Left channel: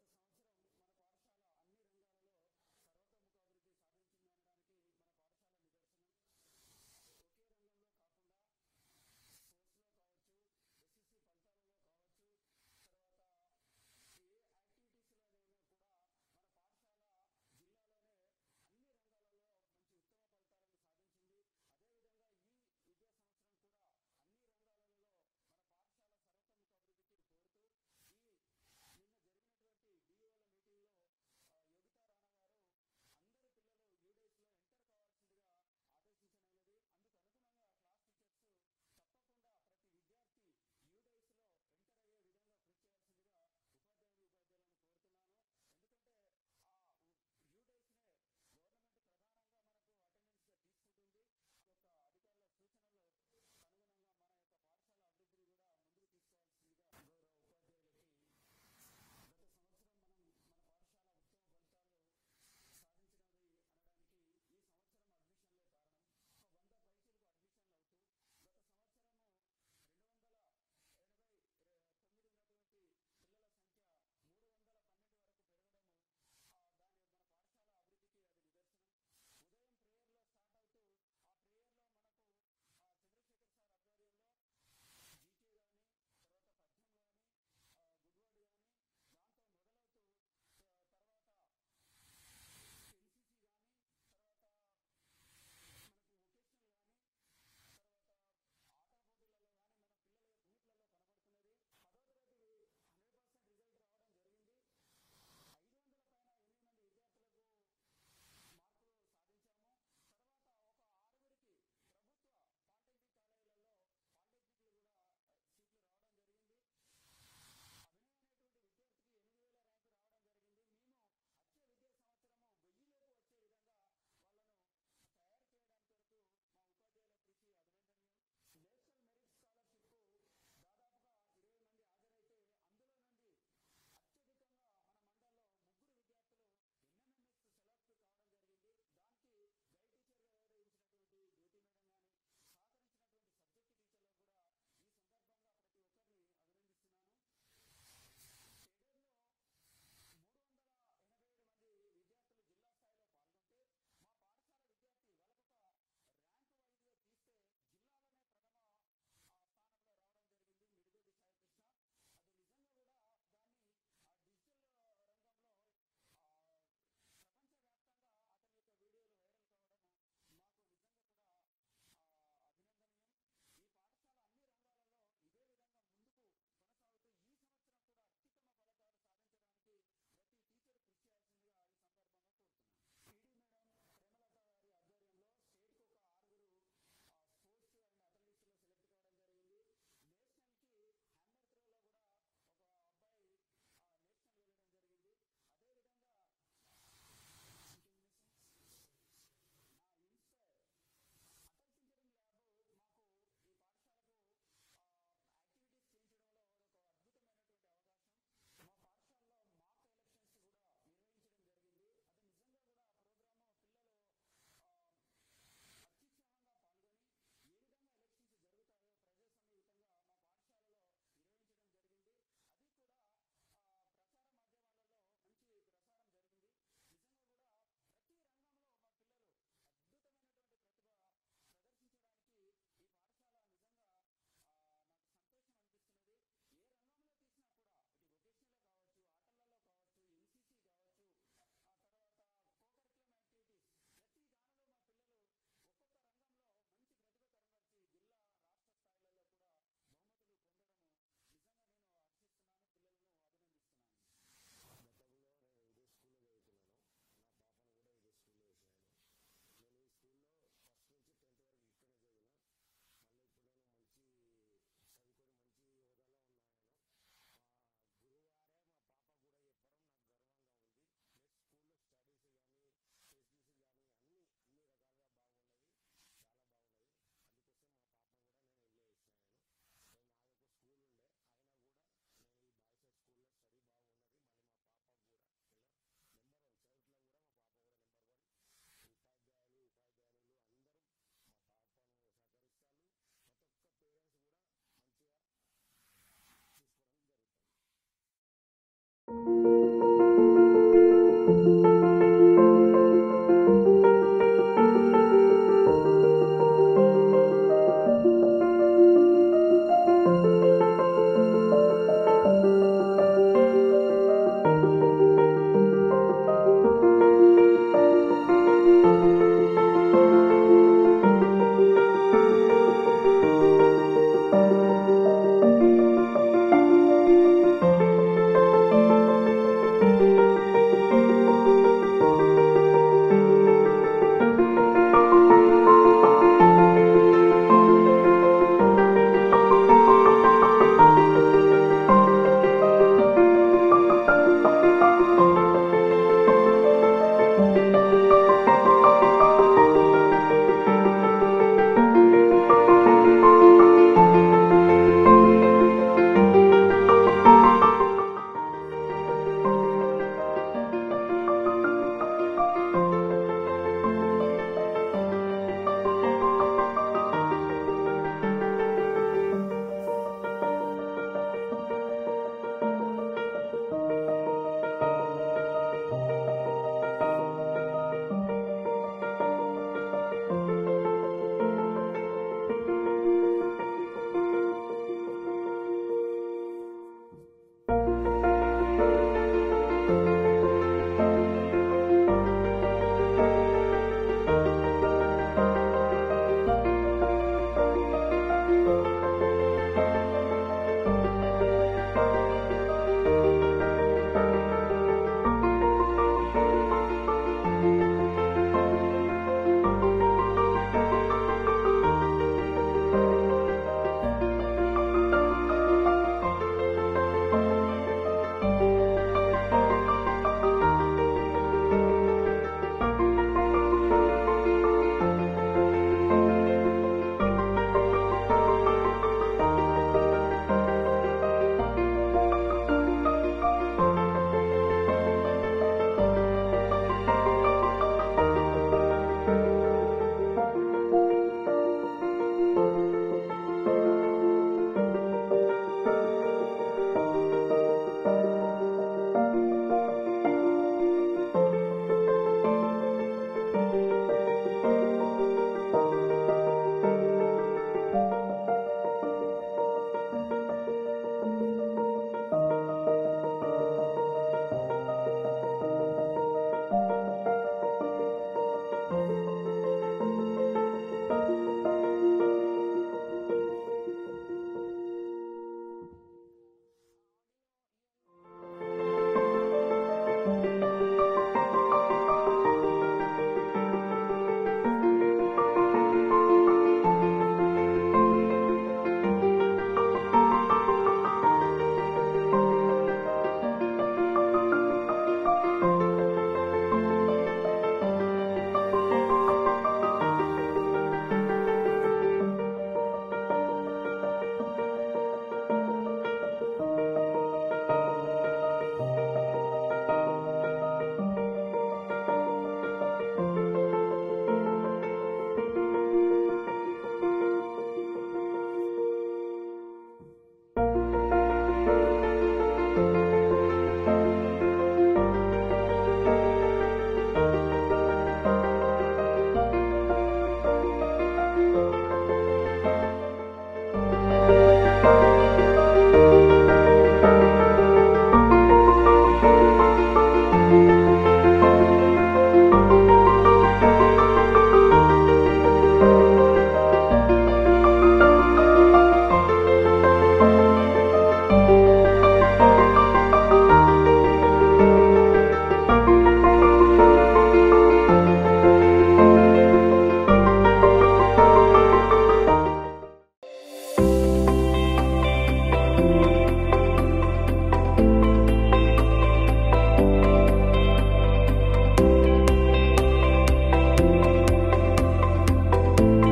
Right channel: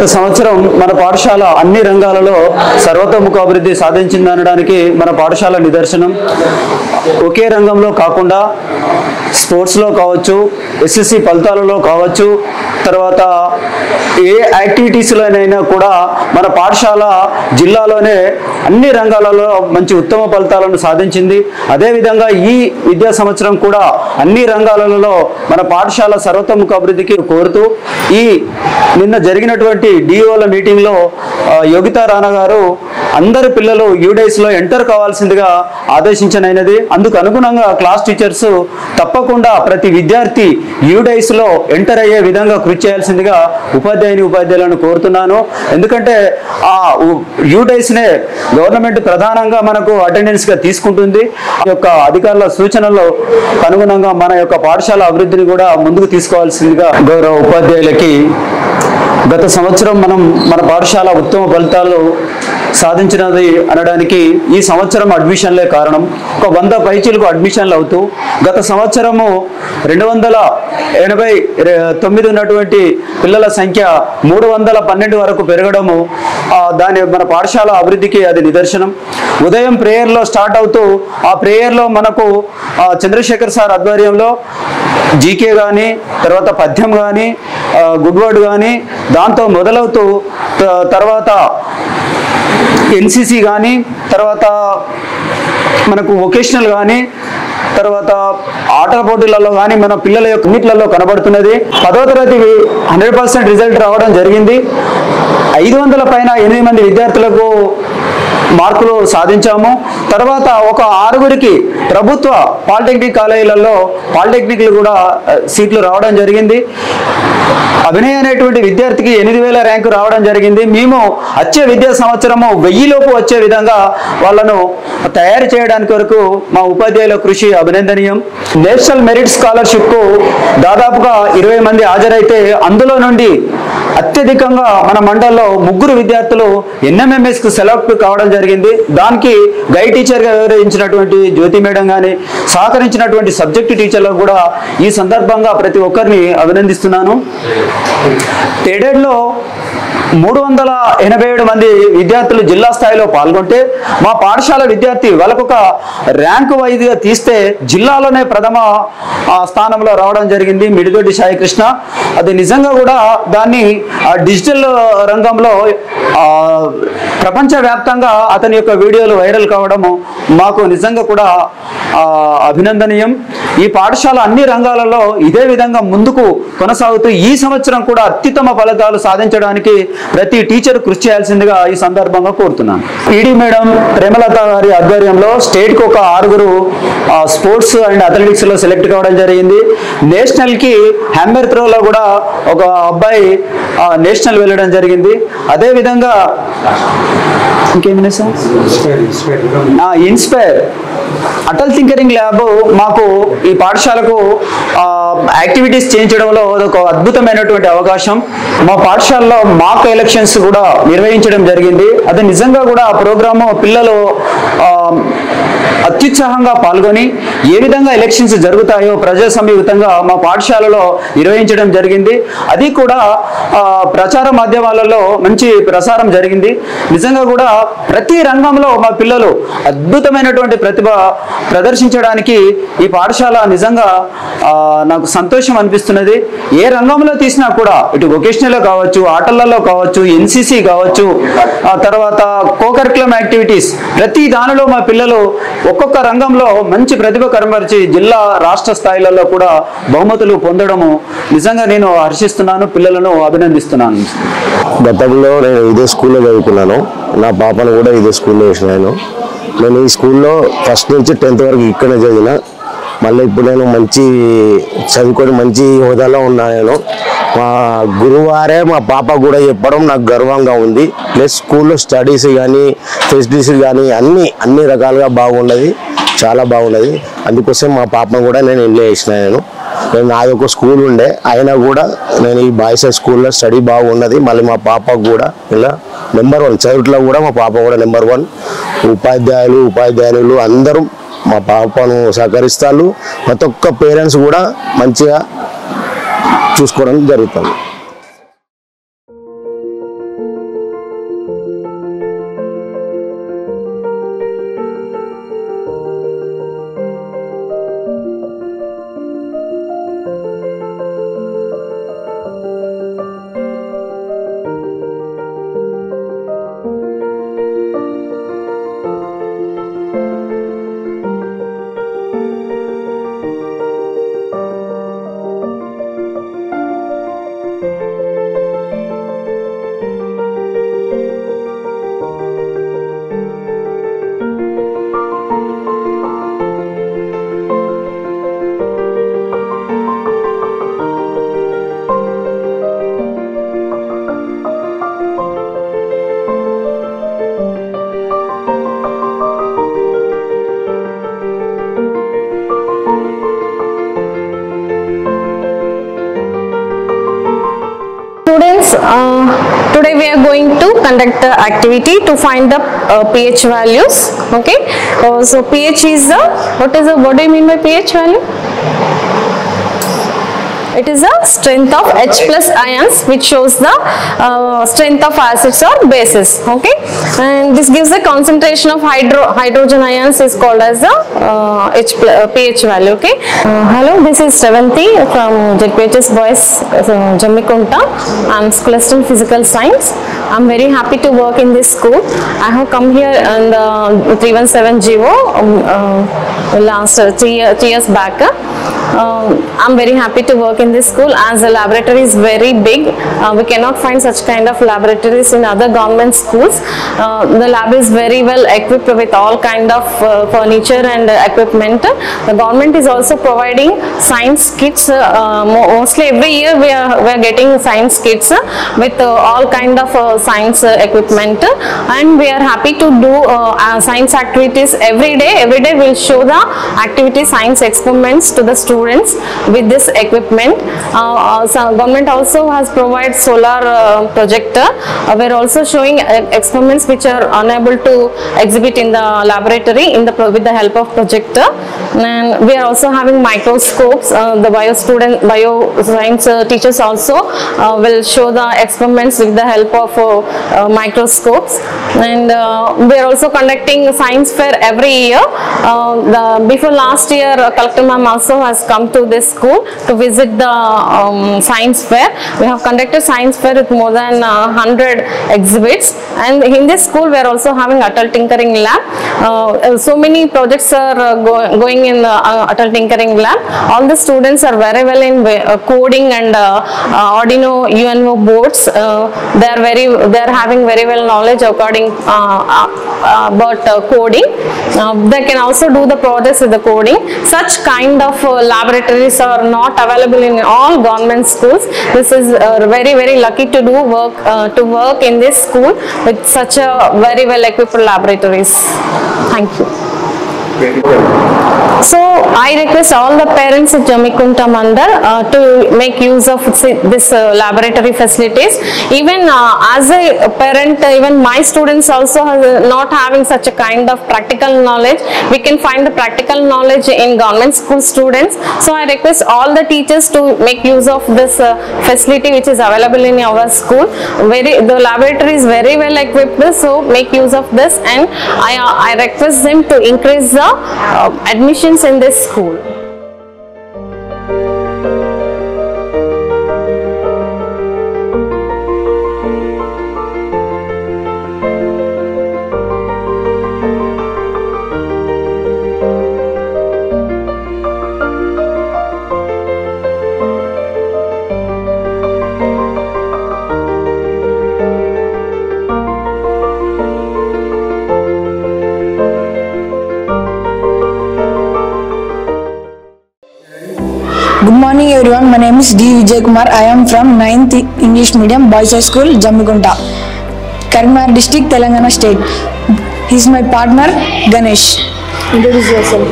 గత సంవత్సరం మన పాఠశాల అన్ని రంగాలలో సర్వతోముఖ అభివృద్ధి సాధించిందనడానికి మన పాఠశాల నిదర్శనం. ఒకే రంగంలో కాకుండా స్పోర్ట్స్లో కావచ్చు, ఎస్ఎస్సి ఫలితాలలో కావచ్చు, తర్వాత ఏ యాక్టివిటీస్లోనైనా కూడా మన పాఠశాల జిల్లాలోనే అన్ని రంగాలలో మంచి ఉత్తమ ఫలితాలను సాధించింది. అదేవిధంగా ఈ విద్యా సంవత్సరం కూడా అన్ని రంగాలలో మన పాఠశాల సర్వతోముఖ అభివృద్ధికి కోరుతూ ఈ నిన్న జరిగినటువంటి డిఓల మీటింగ్లో యోగితా రాణా గారు అందరు పిల్లలు యూడైస్లో ఎంటర్ కావాల్సిందిగా ఆదేశించనైనది. అందుకు అనుగుణంగా క్లాస్ టీచర్స్ తప్పకుండా ప్రతి విద్యార్థి యూడైస్లో ఎంటర్ అయ్యే విధంగా కృషి చేయాల్సిందిగా ఉపాధ్యాయులను కోరుతున్నాను. ఎందుకంటే ఆ యూడైస్నే గవర్నమెంట్ ప్రధానంగా మనకు అటెండెన్స్గా తీసుకుంటుంది. ఆ యొక్క అధికారుల సూచనలు అనుగుణంగా మన యొక్క పాఠశాల అభివృద్ధిని కూడా ముందుకు తీసుకోవాల్సిందిగా గౌరవ ఉపాధ్యాయులకి గత సంవత్సరం మన పాఠశాల ఉత్తమ ఫలితాలు సాధించినది అనడానికి ఈ సంవత్సరం అడ్మిషన్లే కారణం. ఒక 100 పైచీలకు అడ్మిషన్లు అవుతూ గత సంవత్సరము 289 ఉన్నటువంటి పిల్లల సంఖ్య 312 వరకు పెరగడము దాని మన పాఠశాల అభివృద్ధికి అది నిదర్శనం. ఉదయం ప్రేయర్లో స్టార్ట్ అవుతూ ఆ ప్రేయర్లో మనకు చంద్రశేఖర్ సార్ ఆధ్వర్యంలో జీకే కానీ, తర్వాత పద్యం కానీ, గుడ్ వర్డ్ కానీ దాంతో మొదలవుతూ తర్వాత ఎన్సిసి కానీ, తర్వాత మనకు వొకేషనల్ కానీ, తర్వాత ఆటల పోటీలలో కానీ మన పిల్లల యొక్క అన్నిట్లలో కనబడుతున్నది. 10వ తరగతి 100% రిజల్ట్ రావడం జరిగింది. 500 పైన 8 మంది విద్యార్థులకు మార్కులు సాధించాము. తర్వాత ఒక 6గురికి ప్రభుత్వ పాలిటెక్నిక్ కాలేజీలలో పాలిటెక్నిక్లు కూడా సీట్లు రావడం జరిగింది. అభినయ్ అనేటువంటి విద్యార్థికి 8000 ర్యాంకు రావడం జరిగింది. మేము వచ్చే విద్యా సంవత్సరము 1000 లోపు వచ్చే విధంగా వాళ్ళను తయారు చేయడానికి వరకు మా ఉపాధ్యాయుల కృషి అభినందనీయం. నేషనల్ మెరిట్ స్కాలర్షిప్కు దాదాపుగా 20 మంది హాజరైతే అందులో నుండి అత్యధికంగా మన మండలంలో 3 విద్యార్థులు ఎన్ఎంఎంఎస్కు సెలెక్ట్ కావడం జరిగింది. దానికి గైడ్ టీచర్గా వివరించినటువంటి జ్యోతి మేడం కానీ, సహకరించినటువంటి సబ్జెక్టు టీచర్లకు కూడా ఈ సందర్భంగా ప్రతి ఒక్కరిని అభినందిస్తున్నాను. టెడెడ్లో 387 మంది విద్యార్థులు జిల్లా స్థాయిలో పాల్గొంటే మా పాఠశాల విద్యార్థి వాళ్ళకొక ర్యాంకు వైజ్గా తీస్తే జిల్లాలోనే ప్రథమ స్థానంలో రావడం జరిగింది మిడిదొడ్డి సాయికృష్ణ. అది నిజంగా కూడా దాన్ని డిజిటల్ రంగంలో ప్రపంచవ్యాప్తంగా అతని యొక్క వీడియోలు వైరల్ కావడము మాకు నిజంగా కూడా అభినందనీయం. ఈ పాఠశాల అన్ని రంగాలలో ఇదే విధంగా ముందుకు కొనసాగుతూ ఈ సంవత్సరం కూడా అత్యుత్తమ ఫలితాలు సాధించడానికి ప్రతి టీచర్ కృషి చేయాల్సిందిగా ఈ సందర్భంగా కోరుతున్నాను. ఈడీ మేడం ప్రేమలత గారి ఆధ్వర్యంలో స్టేట్కి ఒక 6గురు స్పోర్ట్స్ అండ్ అథ్లెటిక్స్ లో సెలెక్ట్ కావడం జరిగింది. నేషనల్ కి హ్యామర్ త్రోలో కూడా ఒక అబ్బాయి నేషనల్ వెళ్ళడం జరిగింది. అదే విధంగా ఇంకేమైనా sir inspire Atal tinkering lab మాకు ఈ పాఠశాలకు యాక్టివిటీస్ చేయించడంలో ఒక అద్భుతమైనటువంటి అవకాశం. మా పాఠశాలలో మాక్ ఎలక్షన్స్ కూడా నిర్వహించడం జరిగింది. అది నిజంగా కూడా ఆ ప్రోగ్రాము పిల్లలు అత్యుత్సాహంగా పాల్గొని ఏ విధంగా ఎలక్షన్స్ జరుగుతాయో ప్రజాసమీయుతంగా మా పాఠశాలలో నిర్వహించడం జరిగింది. అది కూడా ప్రచార మాధ్యమాలలో మంచి ప్రసారం జరిగింది. నిజంగా కూడా ప్రతి రంగంలో మా పిల్లలు అద్భుతమైనటువంటి ప్రతిభ ప్రదర్శించడానికి ఈ పాఠశాల నిజంగా నాకు సంతోషం అనిపిస్తున్నది. ఏ రంగంలో తీసినా కూడా ఇటు వొకేషనల్లో కావచ్చు, ఆటలలో కావచ్చు, ఎన్సిసి కావచ్చు, తర్వాత కోకరికులం యాక్టివిటీస్ ప్రతి దానిలో మా పిల్లలు ఒక్కొక్క రంగంలో మంచి ప్రతిభ కనబరిచి జిల్లా రాష్ట్ర స్థాయిలలో కూడా బహుమతులు పొందడము నిజంగా నేను హర్షిస్తున్నాను, పిల్లలను అభినందిస్తున్నాను. గతంలో నేను ఇదే స్కూల్లో చదువుకున్నాను. నా పాపను కూడా ఇదే స్కూల్లో వేసినాను. నేను ఈ స్కూల్లో ఫస్ట్ నుంచి 10th వరకు ఇక్కడనే చదివిన. మళ్ళీ ఇప్పుడు నేను మంచి చదువుకొని మంచి హోదాలో ఉన్నాను. మా గురువారే మా పాప కూడా చెప్పడం నాకు గర్వంగా ఉంది. ప్లస్ స్కూల్లో స్టడీస్ కానీ ఫెసిలిటీస్ కానీ అన్ని రకాలుగా బాగున్నది, చాలా బాగున్నది. అందుకోసం మా పాపను కూడా నేను ఇంట్లో వేసినాను. నాది ఒక స్కూల్ ఉండే, అయినా కూడా నేను ఈ బాయ్స్ స్కూల్లో స్టడీ బాగున్నది. మళ్ళీ మా పాపకు కూడా ఇలా నెంబర్ 1 చదువుట్లో కూడా మా పాప కూడా నెంబర్ 1. ఉపాధ్యాయులు అందరూ మా పాపను సహకరిస్తారు. ప్రతి ఒక్క పేరెంట్స్ కూడా మంచిగా చూసుకోవడం జరుగుతుంది. Today we are going to conduct the activity to find the pH values. Okay, so pH is the what do you mean by pH value? It is the strength of H plus ions, which shows the strength of acids or bases. Okay, and this gives the concentration of hydrogen ions is called as the pH value. Okay, hello, this is Shravanti from JPHS Boys Jammikunta. I'm School Assistant Physical Science. I'm very happy to work in this school. I have come here in the 317 GO last 3 years back. I'm very happy to work in this school as the laboratory is very big. We cannot find such kind of laboratories in other government schools. The lab is very well equipped with all kind of furniture and equipment. The government is also providing science kits. Mostly every year we are getting science kits with all kind of science equipment, and we are happy to do science activities every day. Every day we'll show the activity science experiments to the students with this equipment. So government also has provided solar projector. We're also showing experiments which are unable to exhibit in the laboratory with the help of projector. And we are also having microscopes. The bioscience teachers also will show the experiments with the help of microscopes. And we are also conducting science fair every year. Before last year, Collector Ma'am also has come to this school to visit the science fair. We have conducted science fair with more than 100 exhibits, and in this school we are also having Atal Tinkering Lab. So many projects are going in the Atal Tinkering Lab. All the students are very well in coding and Arduino UNO boards. They are having very well knowledge according about coding. They can also do the projects with the coding. Such kind of laboratories are not available in all government schools. This is very lucky to work in this school with such a very well equipped laboratories. Thank you. So I request all the parents at Jammikunta Mandal to make use of this laboratory facilities. Even as a parent, even my students also not having such a kind of practical knowledge. We can find the practical knowledge in government school students. So I request all the teachers to make use of this facility which is available in our school. The laboratory is very well equipped, so make use of this, and I request them to increase the admissions in this school. Good morning everyone, my name is D. Vijay Kumar. I am from 9th English Medium Boys High School, Jammikunta, Karimnagar District, Telangana State. He is my partner, Ganesh. Introduce yourself.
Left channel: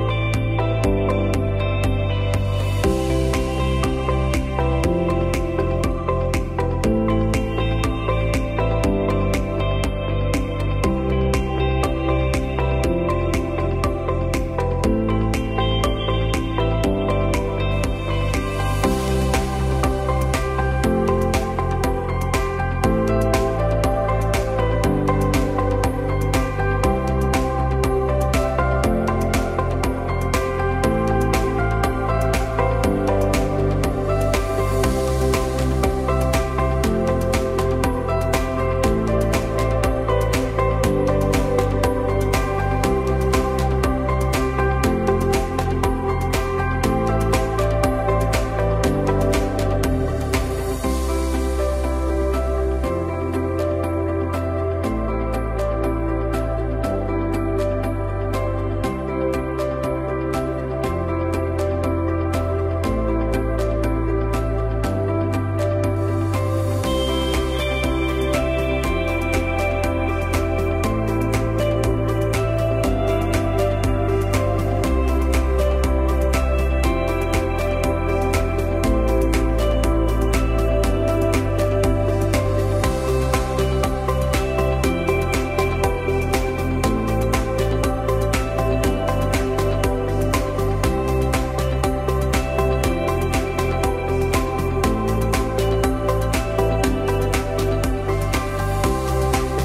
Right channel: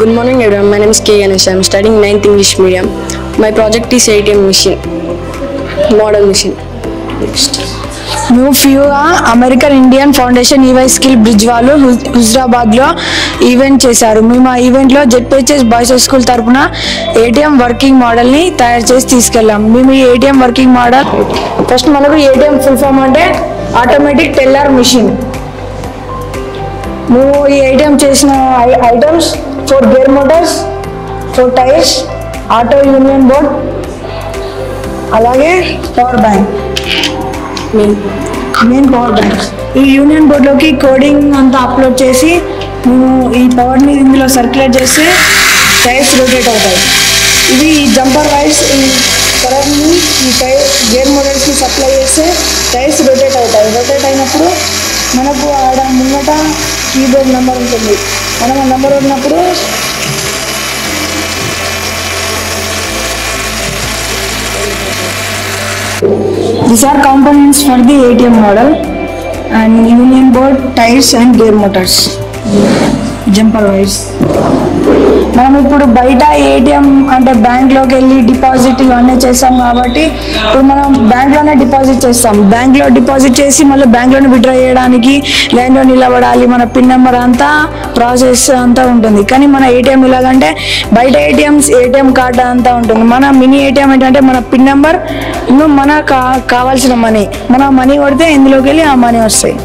Good morning everyone, my name is K. Ganesh. I am studying 9th English Medium. My project is ATM machine, model machine. న్యూఫ్యూగా American Indian foundation EY skill bridge వాళ్ళు హుజరాబాద్లో event చేశారు. మేము ఆ ఈవెంట్లో ZPHS boys high school తరఫున ATM working మోడల్ని తయారు చేసి తీసుకెళ్ళాం. మేము ఈ ఏటీఎం వర్కింగ్ మోడల్ ఫస్ట్ మనకు ఏటీఎం ఫుల్ ఫామ్ అంటే ఆటోమేటిక్ టెల్లర్ మిషన్. మేము ఈ ఏటీఎం చేసిన ఐటమ్స్ 4 గేర్ మోటార్స్, 4 టైర్స్, ఆటో యూనియన్ బోర్డ్, అలాగే power bank, main power bank. ఈ యూనియన్ బోర్డ్లోకి కోడింగ్ అంతా అప్లోడ్ చేసి మేము ఈ పవర్ని ఇందులో సర్క్యులేట్ చేస్తే టైర్స్ రొటేట్ అవుతాయి. ఇది ఈ జంపర్ వైర్స్ ఈ కరెంట్ని ఈ టైర్ గేర్ మోడల్స్కి సప్లై చేస్తే టైర్స్ రొటేట్ అవుతాయి. రొటేట్ అయినప్పుడు మనకు ఆడ ముంగట కీబోర్డ్ నెంబర్ ఉంటుంది. మనం ఆ నెంబర్ ఉన్నప్పుడు these are components for the ATM model and union board, tires and gear motors. Jumper wires. మనం ఇప్పుడు బయట ఏటీఎం అంటే బ్యాంక్లోకి వెళ్ళి డిపాజిట్ ఇవన్నీ చేస్తాం కాబట్టి ఇప్పుడు మనం బ్యాంక్లోనే డిపాజిట్ చేస్తాం. బ్యాంక్లో డిపాజిట్ చేసి మళ్ళీ బ్యాంక్లోనే విత్డ్రా చేయడానికి లైన్లో నిలబడాలి, మన పిన్ నెంబర్ అంతా ప్రాసెస్ అంతా ఉంటుంది. కానీ మన ఏటీఎం ఇలాగంటే బయట ఏటీఎం కార్డు అంతా ఉంటుంది. మన మినీ ఏటీఎం ఏంటంటే మన పిన్ నెంబర్ ఇంకా మన కావాల్సిన మనీ కొడితే ఇందులోకి వెళ్ళి ఆ మనీ వస్తాయి.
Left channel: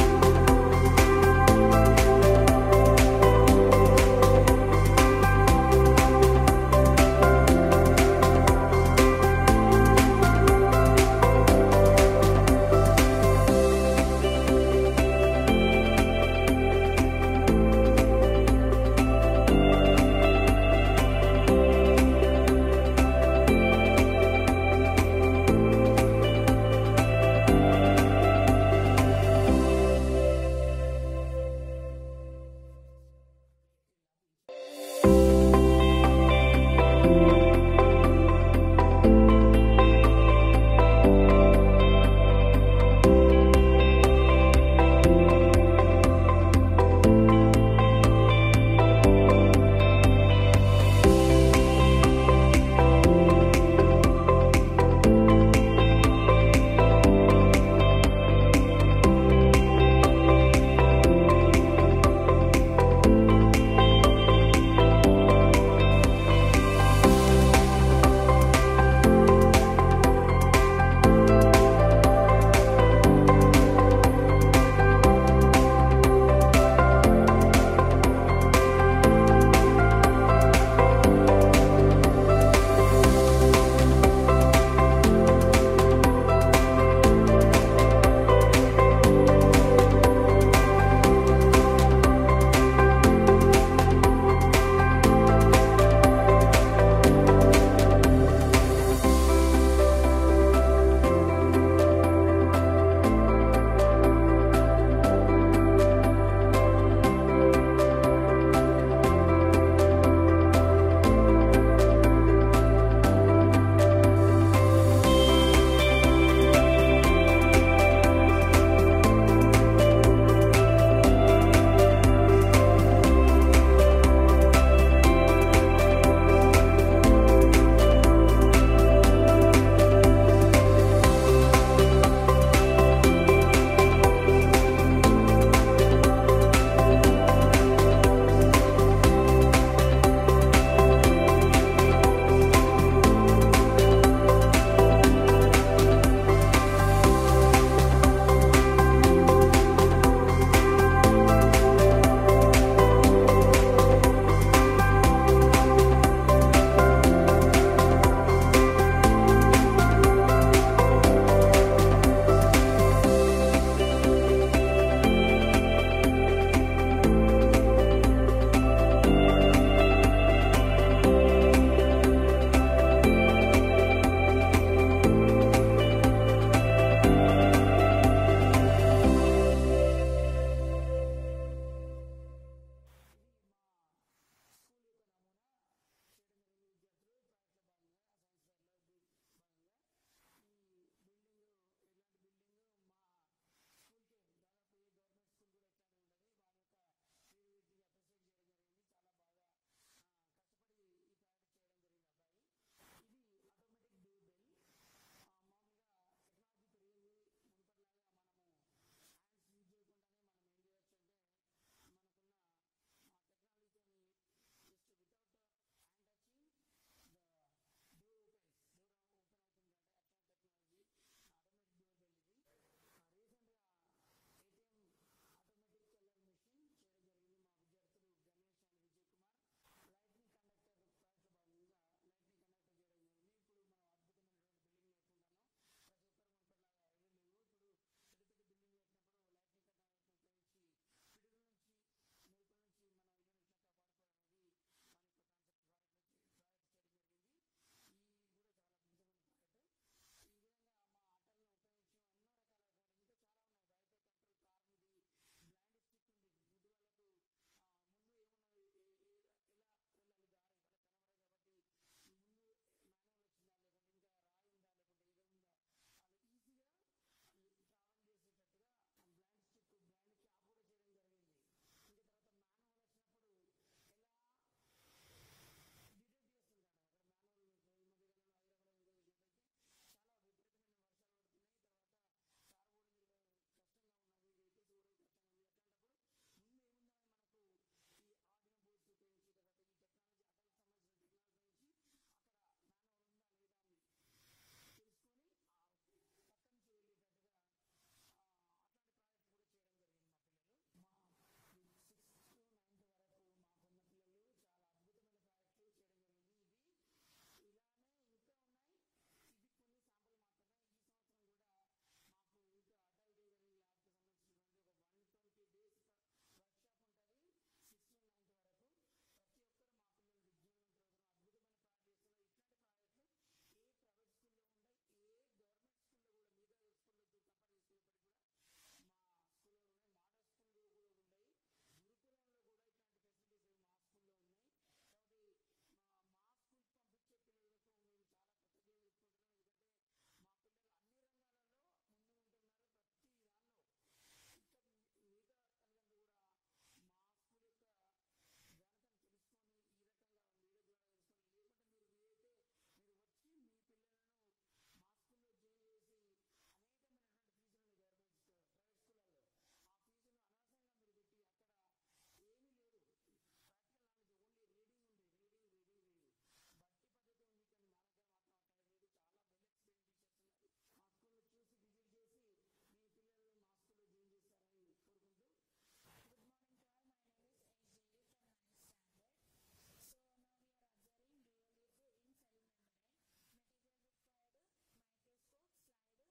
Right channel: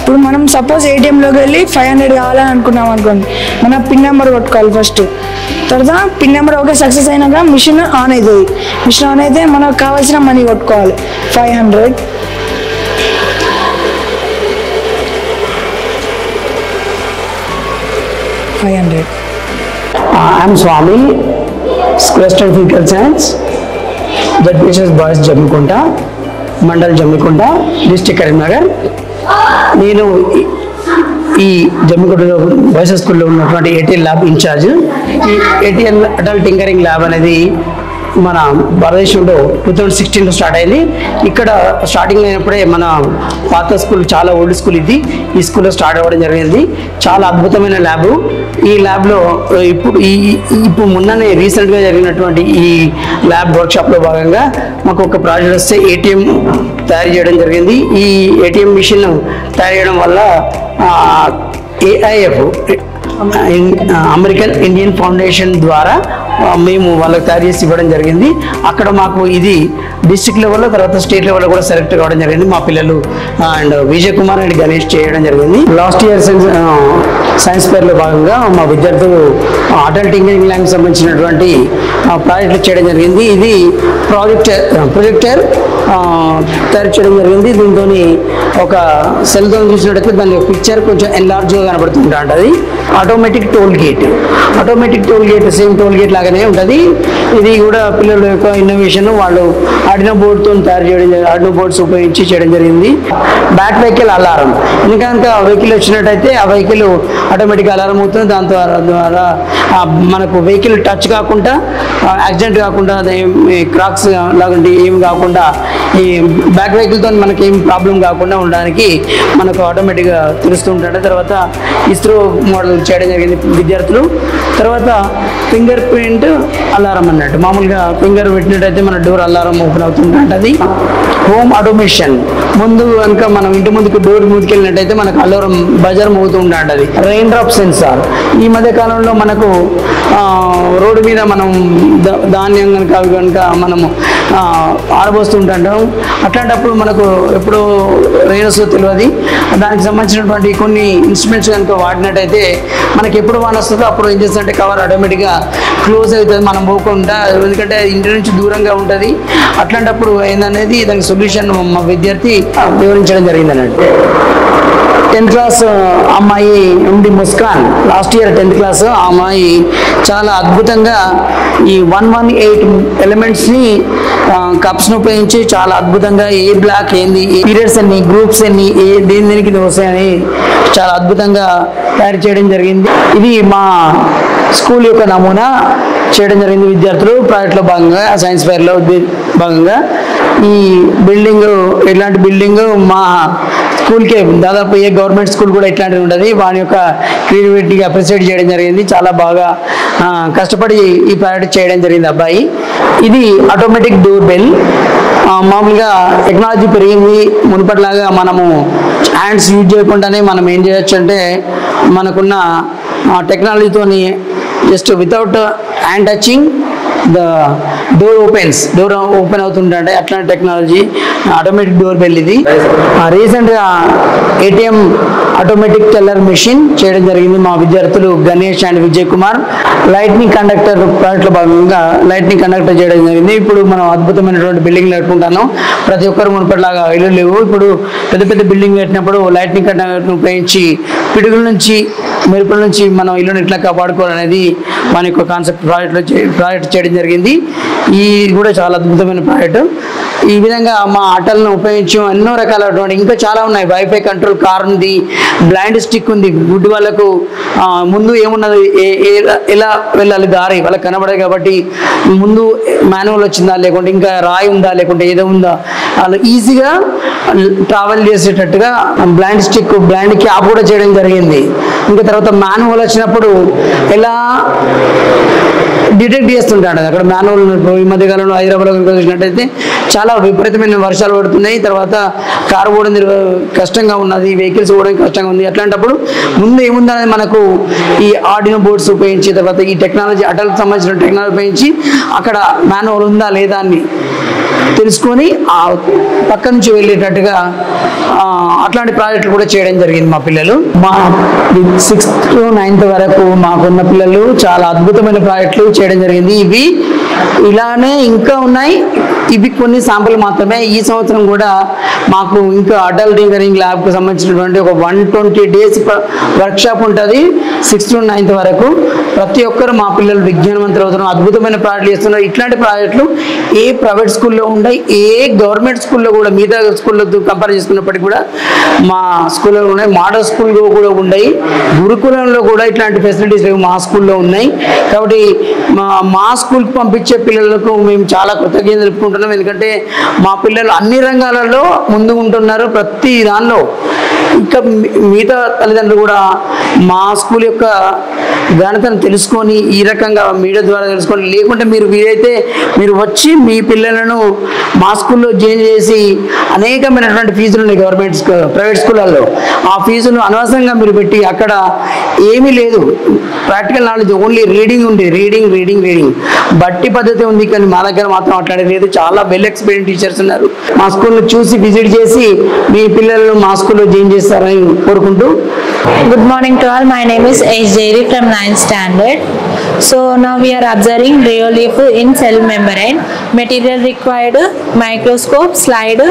ఇప్పుడు మనం సపోజ్ ఏటీఎంలోకి వెళ్ళి 500 కావాలని అనుకున్నాం అనుకోండి, మన పిన్ నెంబర్ కొట్టుకోవాలి ఫస్ట్. తర్వాత పిన్ నెంబర్ ఓకే సక్సెస్ అయినాక మిషన్ ఆన్ అవుతుంది. మిషన్ ఆన్ అయితే మనకు కావాల్సిన మనీ కొట్టుకోవాలి 500. I'm Swami, Western Physical Science, ZPSS Boys Jammikunta, Mandal Jammikunta, District Karimnagar. నేను ఈ జమ్మికుంటలో బాయ్స్ స్కూల్లో ఉన్నటువంటి ఏటీఎల్ ల్యాబ్ ఇన్ఛార్జ్. ఈ ఏటీఎల్ అడల్ట్ టింకరింగ్ ల్యాబ్ అనేది మన భారతదేశంలో 2016లో స్టార్ట్ అయింది. ఇక్కడ స్టార్టింగ్ అయినప్పుడే మన పాత స్కూల్, చాలా ఓల్డ్ స్కూల్ ఇది, ఈ స్కూల్లో స్టార్ట్ అవ్వడం జరిగింది. చాలా అద్భుతమైన ల్యాబ్. ఈ ల్యాబ్లో ఇప్పుడు మొన్ననే రీసెంట్గా జరిగినటువంటి ఈ ల్యాబ్ వర్క్షాప్లో భాగంగా మాకు ఒక ప్రాజెక్ట్ వస్తే ఏటీఎం తయారు చేయడం జరిగింది. ఈ ఏటీఎం మిషన్ తయారు చేయడం వల్ల AIF అమెరికన్ ఇండియన్ ఫౌండేషన్ ద్వారా మేము వాళ్ళకి తయారు చేసి ఇవ్వడం జరిగింది. అక్కడ మాకు ఇది డిస్ట్రిక్ట్ లెవెల్లో, తర్వాత స్టేట్ లెవెల్లో కూడా సెలెక్ట్ కావడం జరిగింది. మా పిల్లలు అండ్ విజయ్ కుమార్ అండ్ గణేష్ చేయడం జరిగింది. లాస్ట్ ఇయర్ సైన్స్ ఫేర్లో భాగంగా మా విద్యార్థులు అడల్ట్ ఇంజనీరింగ్ ల్యాబ్కి సంబంధించినటువంటి ప్రాజెక్టులు చేయడం జరిగింది. ఇది ప్రొజెక్టర్ తయారు చేయడం జరిగింది. దీంతో ఒక సెల్తో చూసినట్టయితే దాని పిక్చర్ కొంచెం ఎన్లార్జ్గా కనబడుతుంటుంది. Automatic toll gate same toll gate లాగానే ఉంటుంది. ఇది కూడా పిల్లల యొక్క ఇన్నోవేషన్. వాళ్ళు ఆర్డినో బోర్డ్తో తయారు చేయడం, ఆర్డినో బోర్డ్స్ ఉపయోగించి చేయడం జరిగింది. బ్యాక్ వెహికల్ అలారం, ఎందుకంటే వెహికల్ వచ్చినట్టయితే ఆ వెహికల్ ఆటోమేటిక్గా అలారం అవుతుంది. దాని ద్వారా మనకు వెహికల్ టచ్ కాకుండా, యాక్సిడెంట్ కాకుండా, క్రాక్స్ లాంటి ఏం కాకుండా, ఈ బ్యాక్ వెహికల్తో మనకి ఏం ప్రాబ్లం కాకుండా ఉండడానికి మనకు ఆటోమేటిక్గా తెలుస్తూ ఉంటాడు. తర్వాత ఇస్రో మోడల్ చేయడం జరిగింది విద్యార్థులు. తర్వాత ఫింగర్ ప్రింట్ అలారం అన్నట్టు, మామూలుగా ఫింగర్ పెట్టినట్టయితే మన డోర్ అలారం ఓపెన్ అవుతుంటుంది. హోమ్ ఆటోమేషన్, ముందు కనుక మనం ఇంటి ముందుకు డోర్ ముందుకు వెళ్ళినట్టయితే మనకు అలారం బజార్ మోగుతూ ఉంటుంది. రెయిన్ డ్రాప్ సెన్సార్, ఈ మధ్య కాలంలో మనకు రోడ్డు మీద మనం ధాన్యం కనుక అవి కనుక మనము ఆరబోస్తుంటాం. అట్లాంటప్పుడు మనకు ఎప్పుడు రెయిన్ వస్తుందో తెలియదు. దానికి సంబంధించినటువంటి కొన్ని ఇన్స్ట్రుమెంట్స్ కనుక వాడినట్టయితే మనకి ఎప్పుడు వాన వస్తుందో అప్పుడు ఏం చేస్తుంటే కవర్ ఆటోమేటిక్గా క్లోజ్ అవుతుంది, మనం పోకుండా. ఎందుకంటే ఇంటి నుంచి దూరంగా ఉంటుంది. అట్లాంటప్పుడు ఏందనేది దానికి సొల్యూషన్ మా విద్యార్థి వివరించడం జరిగింది అన్నట్టు. 10th క్లాస్ అమ్మాయి ఉంది Muskan, last year 10th class. ఆ అమ్మాయి చాలా అద్భుతంగా ఈ 118 ఎలిమెంట్స్ని కప్స్ను ఉపయోగించి చాలా అద్భుతంగా ఏ బ్లాక్ ఏంది, పీరియడ్స్ ఎన్ని, గ్రూప్స్ ఎన్ని, దేనికి వస్తాయని చాలా అద్భుతంగా తయారు చేయడం జరిగింది. ఇది మా స్కూల్ యొక్క నమూనా చేయడం జరిగింది విద్యార్థులు ప్రాజెక్ట్లో భాగంగా, సైన్స్ ఫేర్లో భాగంగా. ఈ బిల్డింగ్, ఇట్లాంటి బిల్డింగ్ మా స్కూల్కే దాదాపు ఏ గవర్నమెంట్ స్కూల్ కూడా ఇట్లాంటివి ఉంటుంది. వాని యొక్క క్రియేటివిటీగా అప్రిషియేట్ చేయడం జరిగింది. చాలా బాగా కష్టపడి ఈ ప్రాజెక్ట్ చేయడం జరిగింది అబ్బాయి. ఇది ఆటోమేటిక్ డోర్ బెల్. మామూలుగా టెక్నాలజీ పెరిగింది. మునుపటిలాగా మనము హ్యాండ్స్ యూజ్ చేయకుండానే మనం ఏం చేయొచ్చు అంటే, మనకున్న టెక్నాలజీతోని just without hand touching the door open అవుతుంటే అట్లాంటి టెక్నాలజీ ఆటోమేటిక్ డోర్ బెల్. ఇది రీసెంట్గా ఏటీఎం ఆటోమేటిక్ టెల్లర్ మెషిన్ చేయడం జరిగింది మా విద్యార్థులు Ganesh and Vijay Kumar. Lightning conductor ప్రాజెక్ట్లో భాగంగా లైట్నింగ్ కండక్టర్ చేయడం జరిగింది. ఇప్పుడు మనం అద్భుతమైనటువంటి బిల్డింగ్లు కట్టుకుంటాను. ప్రతి ఒక్కరు మునుపటిలాగా ఇల్లు లేవు. ఇప్పుడు పెద్ద పెద్ద బిల్డింగ్ కట్టినప్పుడు లైట్నింగ్ కండక్టర్ను ఉపయోగించి పిడుగుల నుంచి, మెరుపుల నుంచి మనం ఇల్లుని ఎట్లా కాపాడుకోవాలనేది మన యొక్క కాన్సెప్ట్ ప్రాజెక్ట్ చేయడం జరిగింది. ఇది కూడా చాలా అద్భుతమైన ప్రాజెక్టు. ఈ విధంగా మా ఆటలను ఉపయోగించి ఎన్నో రకాలైనటువంటి ఇంకా చాలా ఉన్నాయి. వైఫై కంట్రోల్ కార్ ఉంది, బ్లైండ్ స్టిక్ ఉంది, గుడ్ వాళ్ళకు ముందు ఏమున్నది ఎలా వెళ్ళాలి దారి వాళ్ళకి కనబడదు కాబట్టి ముందు మాన్యువల్ వచ్చిందా లేకుంటే ఇంకా రాయి ఉందా లేకుంటే ఏదో ఉందా వాళ్ళు ఈజీగా ట్రావెల్ చేసేటట్టుగా బ్లైండ్ స్టిక్ బ్లైండ్ క్యాప్ కూడా చేయడం జరిగింది. ఇంకా తర్వాత మాన్యువల్ వచ్చినప్పుడు ఎలా డిటెక్ట్ చేస్తుంటాడు అక్కడ మాన్యువల్. ఈ మధ్యకాలంలో హైదరాబాద్లో చూసినట్టయితే చాలా విపరీతమైన వర్షాలు పడుతున్నాయి, తర్వాత కారు పోవడం కష్టంగా ఉన్నది, వెహికల్స్ పోవడం కష్టంగా ఉంది. అట్లాంటప్పుడు ముందు ఏముందనేది మనకు ఈ ఆర్డినో బోర్డ్స్ ఉపయోగించి తర్వాత ఈ టెక్నాలజీ అటల్కి సంబంధించిన టెక్నాలజీ ఉపయోగించి అక్కడ మాన్యువల్ ఉందా లేదా అని తెలుసుకొని ఆ పక్క నుంచి వెళ్ళేటట్టుగా అట్లాంటి ప్రాజెక్టులు కూడా చేయడం జరిగింది. మా పిల్లలు మా 6th to 9th వరకు మాకున్న పిల్లలు చాలా అద్భుతమైన ప్రాజెక్టులు చేయడం జరిగింది. ఇవి ఇలానే ఇంకా ఉన్నాయి, ఇవి కొన్ని శాంపుల్ మాత్రమే. ఈ సంవత్సరం కూడా మాకు ఇంకా అటల్ టింకరింగ్ ల్యాబ్కి సంబంధించినటువంటి ఒక 120 days వర్క్షాప్ ఉంటుంది 6th to 9th వరకు. ప్రతి ఒక్కరు మా పిల్లలు విజ్ఞానవంతులు అవుతున్నారు, అద్భుతమైన ప్రాజెక్టులు చేస్తున్నారు. ఇట్లాంటి ప్రాజెక్టులు ఏ ప్రైవేట్ స్కూల్లో ఉన్నాయి, ఏ గవర్నమెంట్ స్కూల్లో కూడా మిగతా స్కూళ్ళతో కంపేర్ చేసుకున్నప్పటికీ కూడా మా స్కూల్లో ఉన్నాయి. మోడల్ స్కూల్లో కూడా ఉన్నాయి, గురుకులంలో కూడా ఇట్లాంటి ఫెసిలిటీస్ మా స్కూల్లో ఉన్నాయి. కాబట్టి మా స్కూల్కి పంపించే పిల్లలకు మేము చాలా కృతజ్ఞతలు తెలుపుకుంటున్నాం. ఎందుకంటే మా పిల్లలు అన్ని రంగాలలో ముందు ఉంటున్నారు, ప్రతి దానిలో. ఇంకా మిగతా తల్లిదండ్రులు కూడా మా స్కూల్ యొక్క ఘనతను తెలుసుకొని ఈ రకంగా మీడియా ద్వారా తెలుసుకొని, లేకుంటే మీరు వీలైతే మీరు వచ్చి మీ పిల్లలను మా స్కూల్లో జాయిన్ చేసి అనేకమైనటువంటి ఫీజులు ఉన్నాయి గవర్నమెంట్ స్కూల్ ప్రైవేట్ స్కూళ్ళల్లో. ఆ ఫీజును అనవసరంగా మీరు పెట్టి అక్కడ ఏమీ లేదు, ప్రాక్టికల్ నాలెడ్జ్ ఓన్లీ రీడింగ్ ఉంది, రీడింగ్ రీడింగ్ రీడింగ్ బట్టి పద్ధతి ఉంది. కానీ మా దగ్గర మాత్రం అట్లాంటిది లేదు. చాలా వెల్ ఎక్స్పీరియన్స్ టీచర్స్ ఉన్నారు. మా స్కూల్ని చూసి విజిట్ చేసి మీ పిల్లలను మా స్కూల్లో జాయిన్ చేస్తారని కోరుకుంటూ. Good morning to all. My name is H. Jerry from 9th standard. So now we are observing rheolith in cell membrane. Material required: microscope, slide,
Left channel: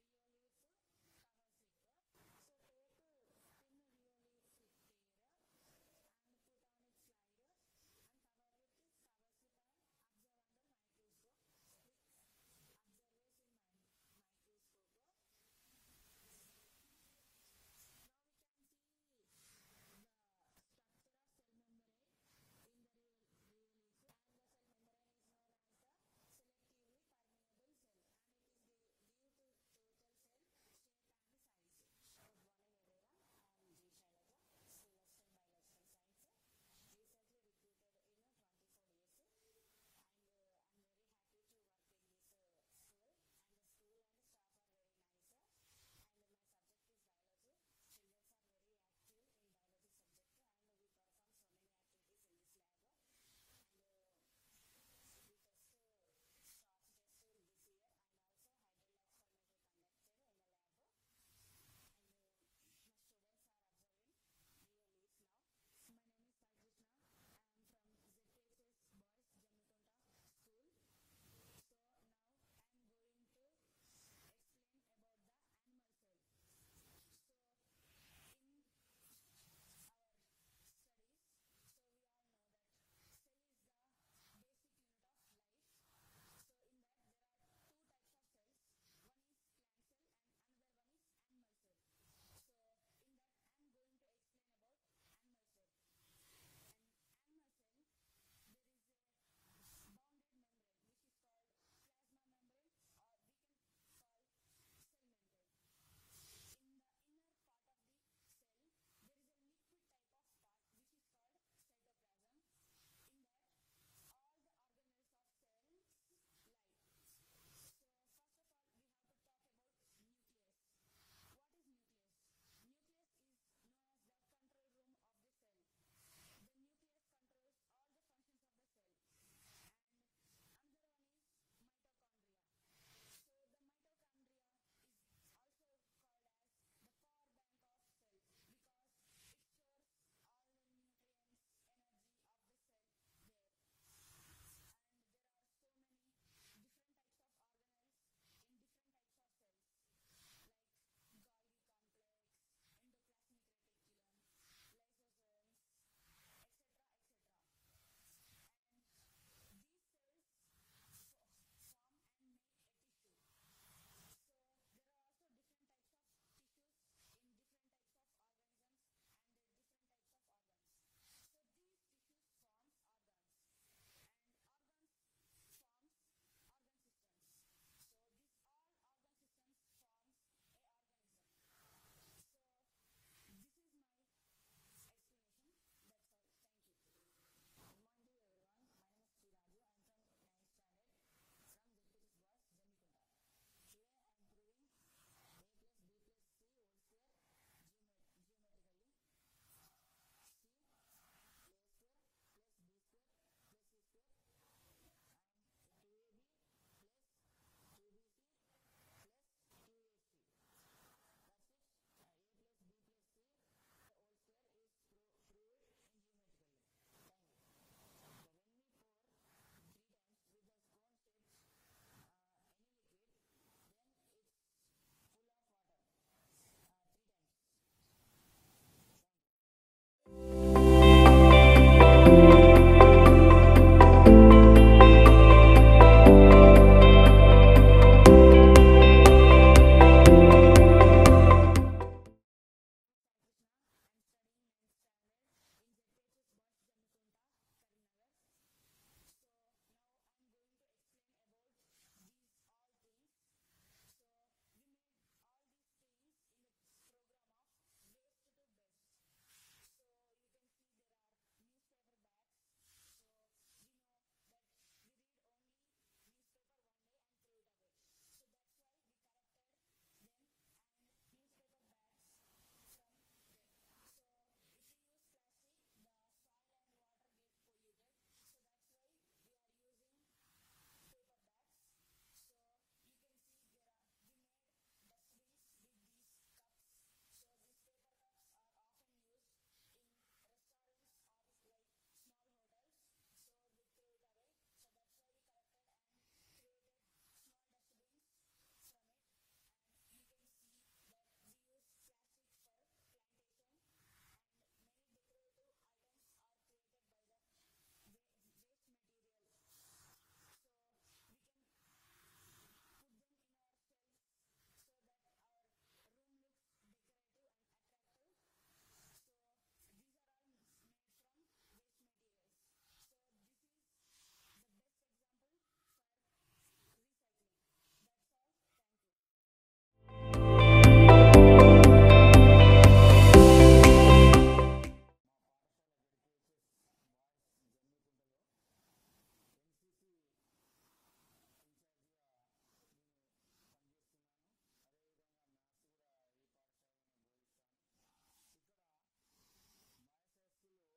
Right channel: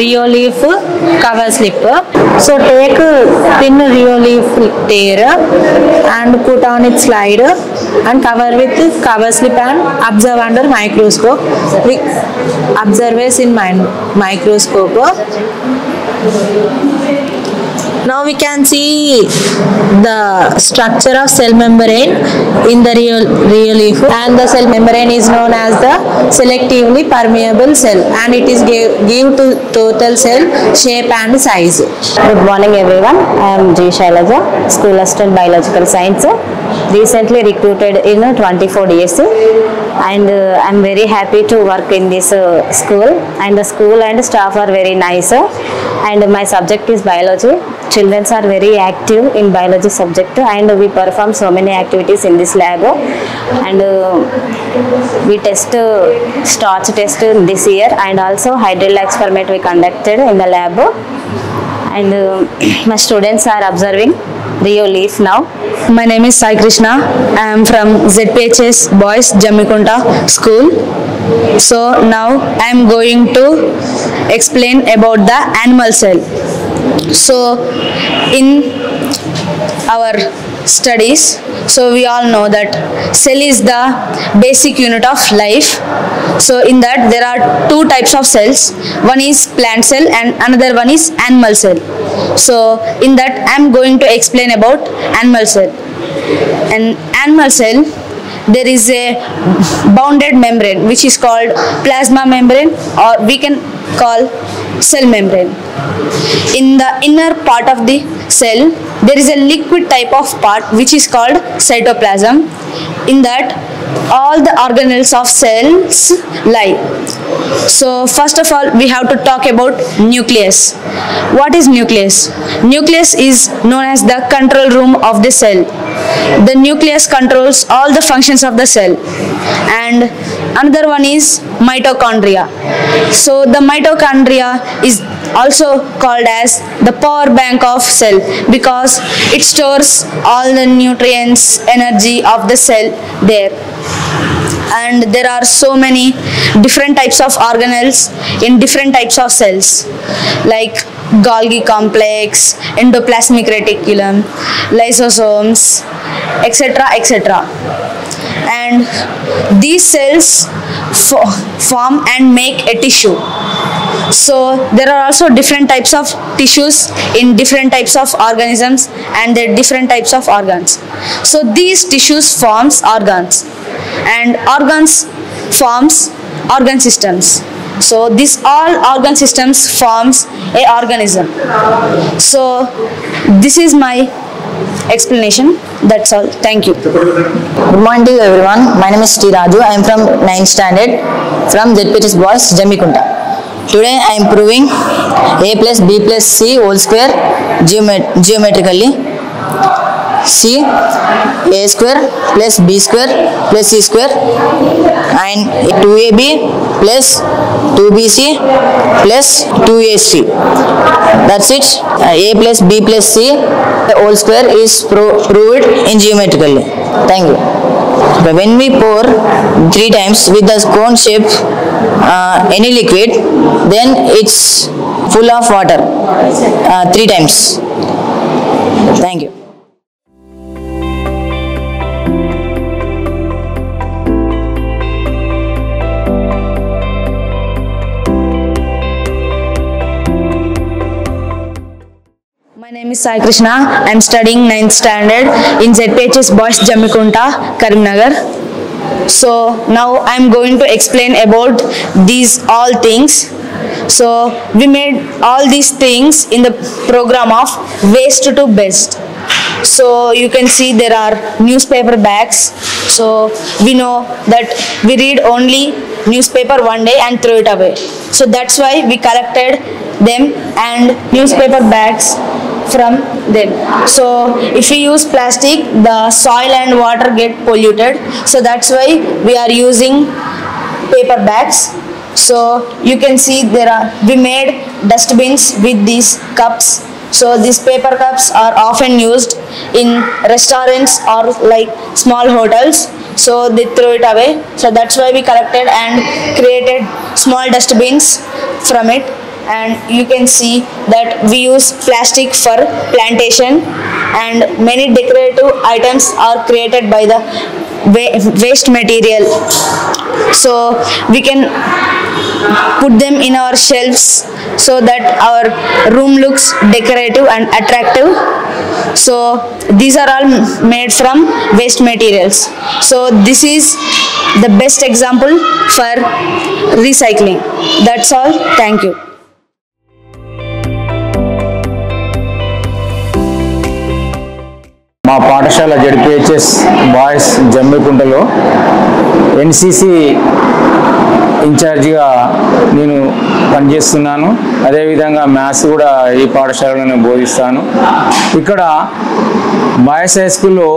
rheolith, cover slip. So take thin rheolith tear and put on its slide and cover with cover slip and observe under microscope. We observe in microscope. Now we can see the structure of cell membrane in the rheolith, and the cell membrane is known as the selectively permeable cell, and it is give to total cell shape and size. Good morning everyone. I am G. Shailaja, School Assistant Biological Science. Recently recruited in 24 days, and I am very happy to work in this school, and the school and staff are very nice, and my subject is biology. Children are very active in biology subject, and we perform so many activities in this lab, and we test starch test this year, and also hydrilla experiment we conducted in the lab, and my students are observing rheolith now. My name is Sai Krishna. I am from ZPHS Boys Jammikunta School. So now I am going to explain about the animal cell. So in our studies, so we all know that cell is the basic unit of life. So in that there are two types of cells. One is plant cell and another one is animal cell. So in that I am going to explain about animal cell. And animal cell, there is a bounded membrane which is called plasma membrane, or we can call cell membrane. In the inner part of the cell, there is a liquid type of part which is called cytoplasm. In that all the organelles of cells lie. So first of all we have to talk about nucleus. What is nucleus? Nucleus is known as the control room of the cell. The nucleus controls all the functions of the cell. And another one is mitochondria. So the mitochondria is also called as the power bank of cell, because it stores all the nutrients, energy of the cell there. And there are so many different types of organelles in different types of cells, like Golgi complex, endoplasmic reticulum, lysosomes, etc., etc. And these cells form and make a tissue. So there are also different types of tissues in different types of organisms and their different types of organs. So these tissues forms organs and organs forms organ systems. So this all organ systems forms a organism. So this is my explanation. That's all. Thank you. Good morning to everyone. My name is Sri Raju. I am from 9th standard from ZPHS Boys, Jammikunta. Today I am proving a plus b plus c whole square geometrically. C a square plus b square plus c square and 2ab plus 2bc plus 2ac. That's it. A plus b plus c the whole square is proved in geometrically. Thank you. When we pour 3 times with the cone shape any liquid, then it's full of water 3 times. Thank you. My name is Sai Krishna. I am studying 9th standard in ZPHS Boys Jammikunta, Karimnagar. So now I am going to explain about these all things. So we made all these things in the program of waste to best. So you can see there are newspaper bags. So we know that we read only newspaper one day and throw it away. So that's why we collected them and newspaper bags from them. So if we use plastic, the soil and water get polluted. So that's why we are using paper bags. So you can see we made dustbins with these cups. So these paper cups are often used in restaurants or like small hotels. So they throw it away. So that's why we collected and created small dustbins from it. And you can see that we use plastic for plantation and many decorative items are created by the waste material. So we can put them in our shelves so that our room looks decorative and attractive. So these are all made from waste materials. So this is the best example for recycling. That's all. Thank you. మా పాఠశాల ZPHS boys జమ్మికుంటలో NCC ఇన్ఛార్జిగా నేను పనిచేస్తున్నాను. అదేవిధంగా maths కూడా ఈ పాఠశాలలోనే బోధిస్తాను. ఇక్కడ boys high స్కూల్లో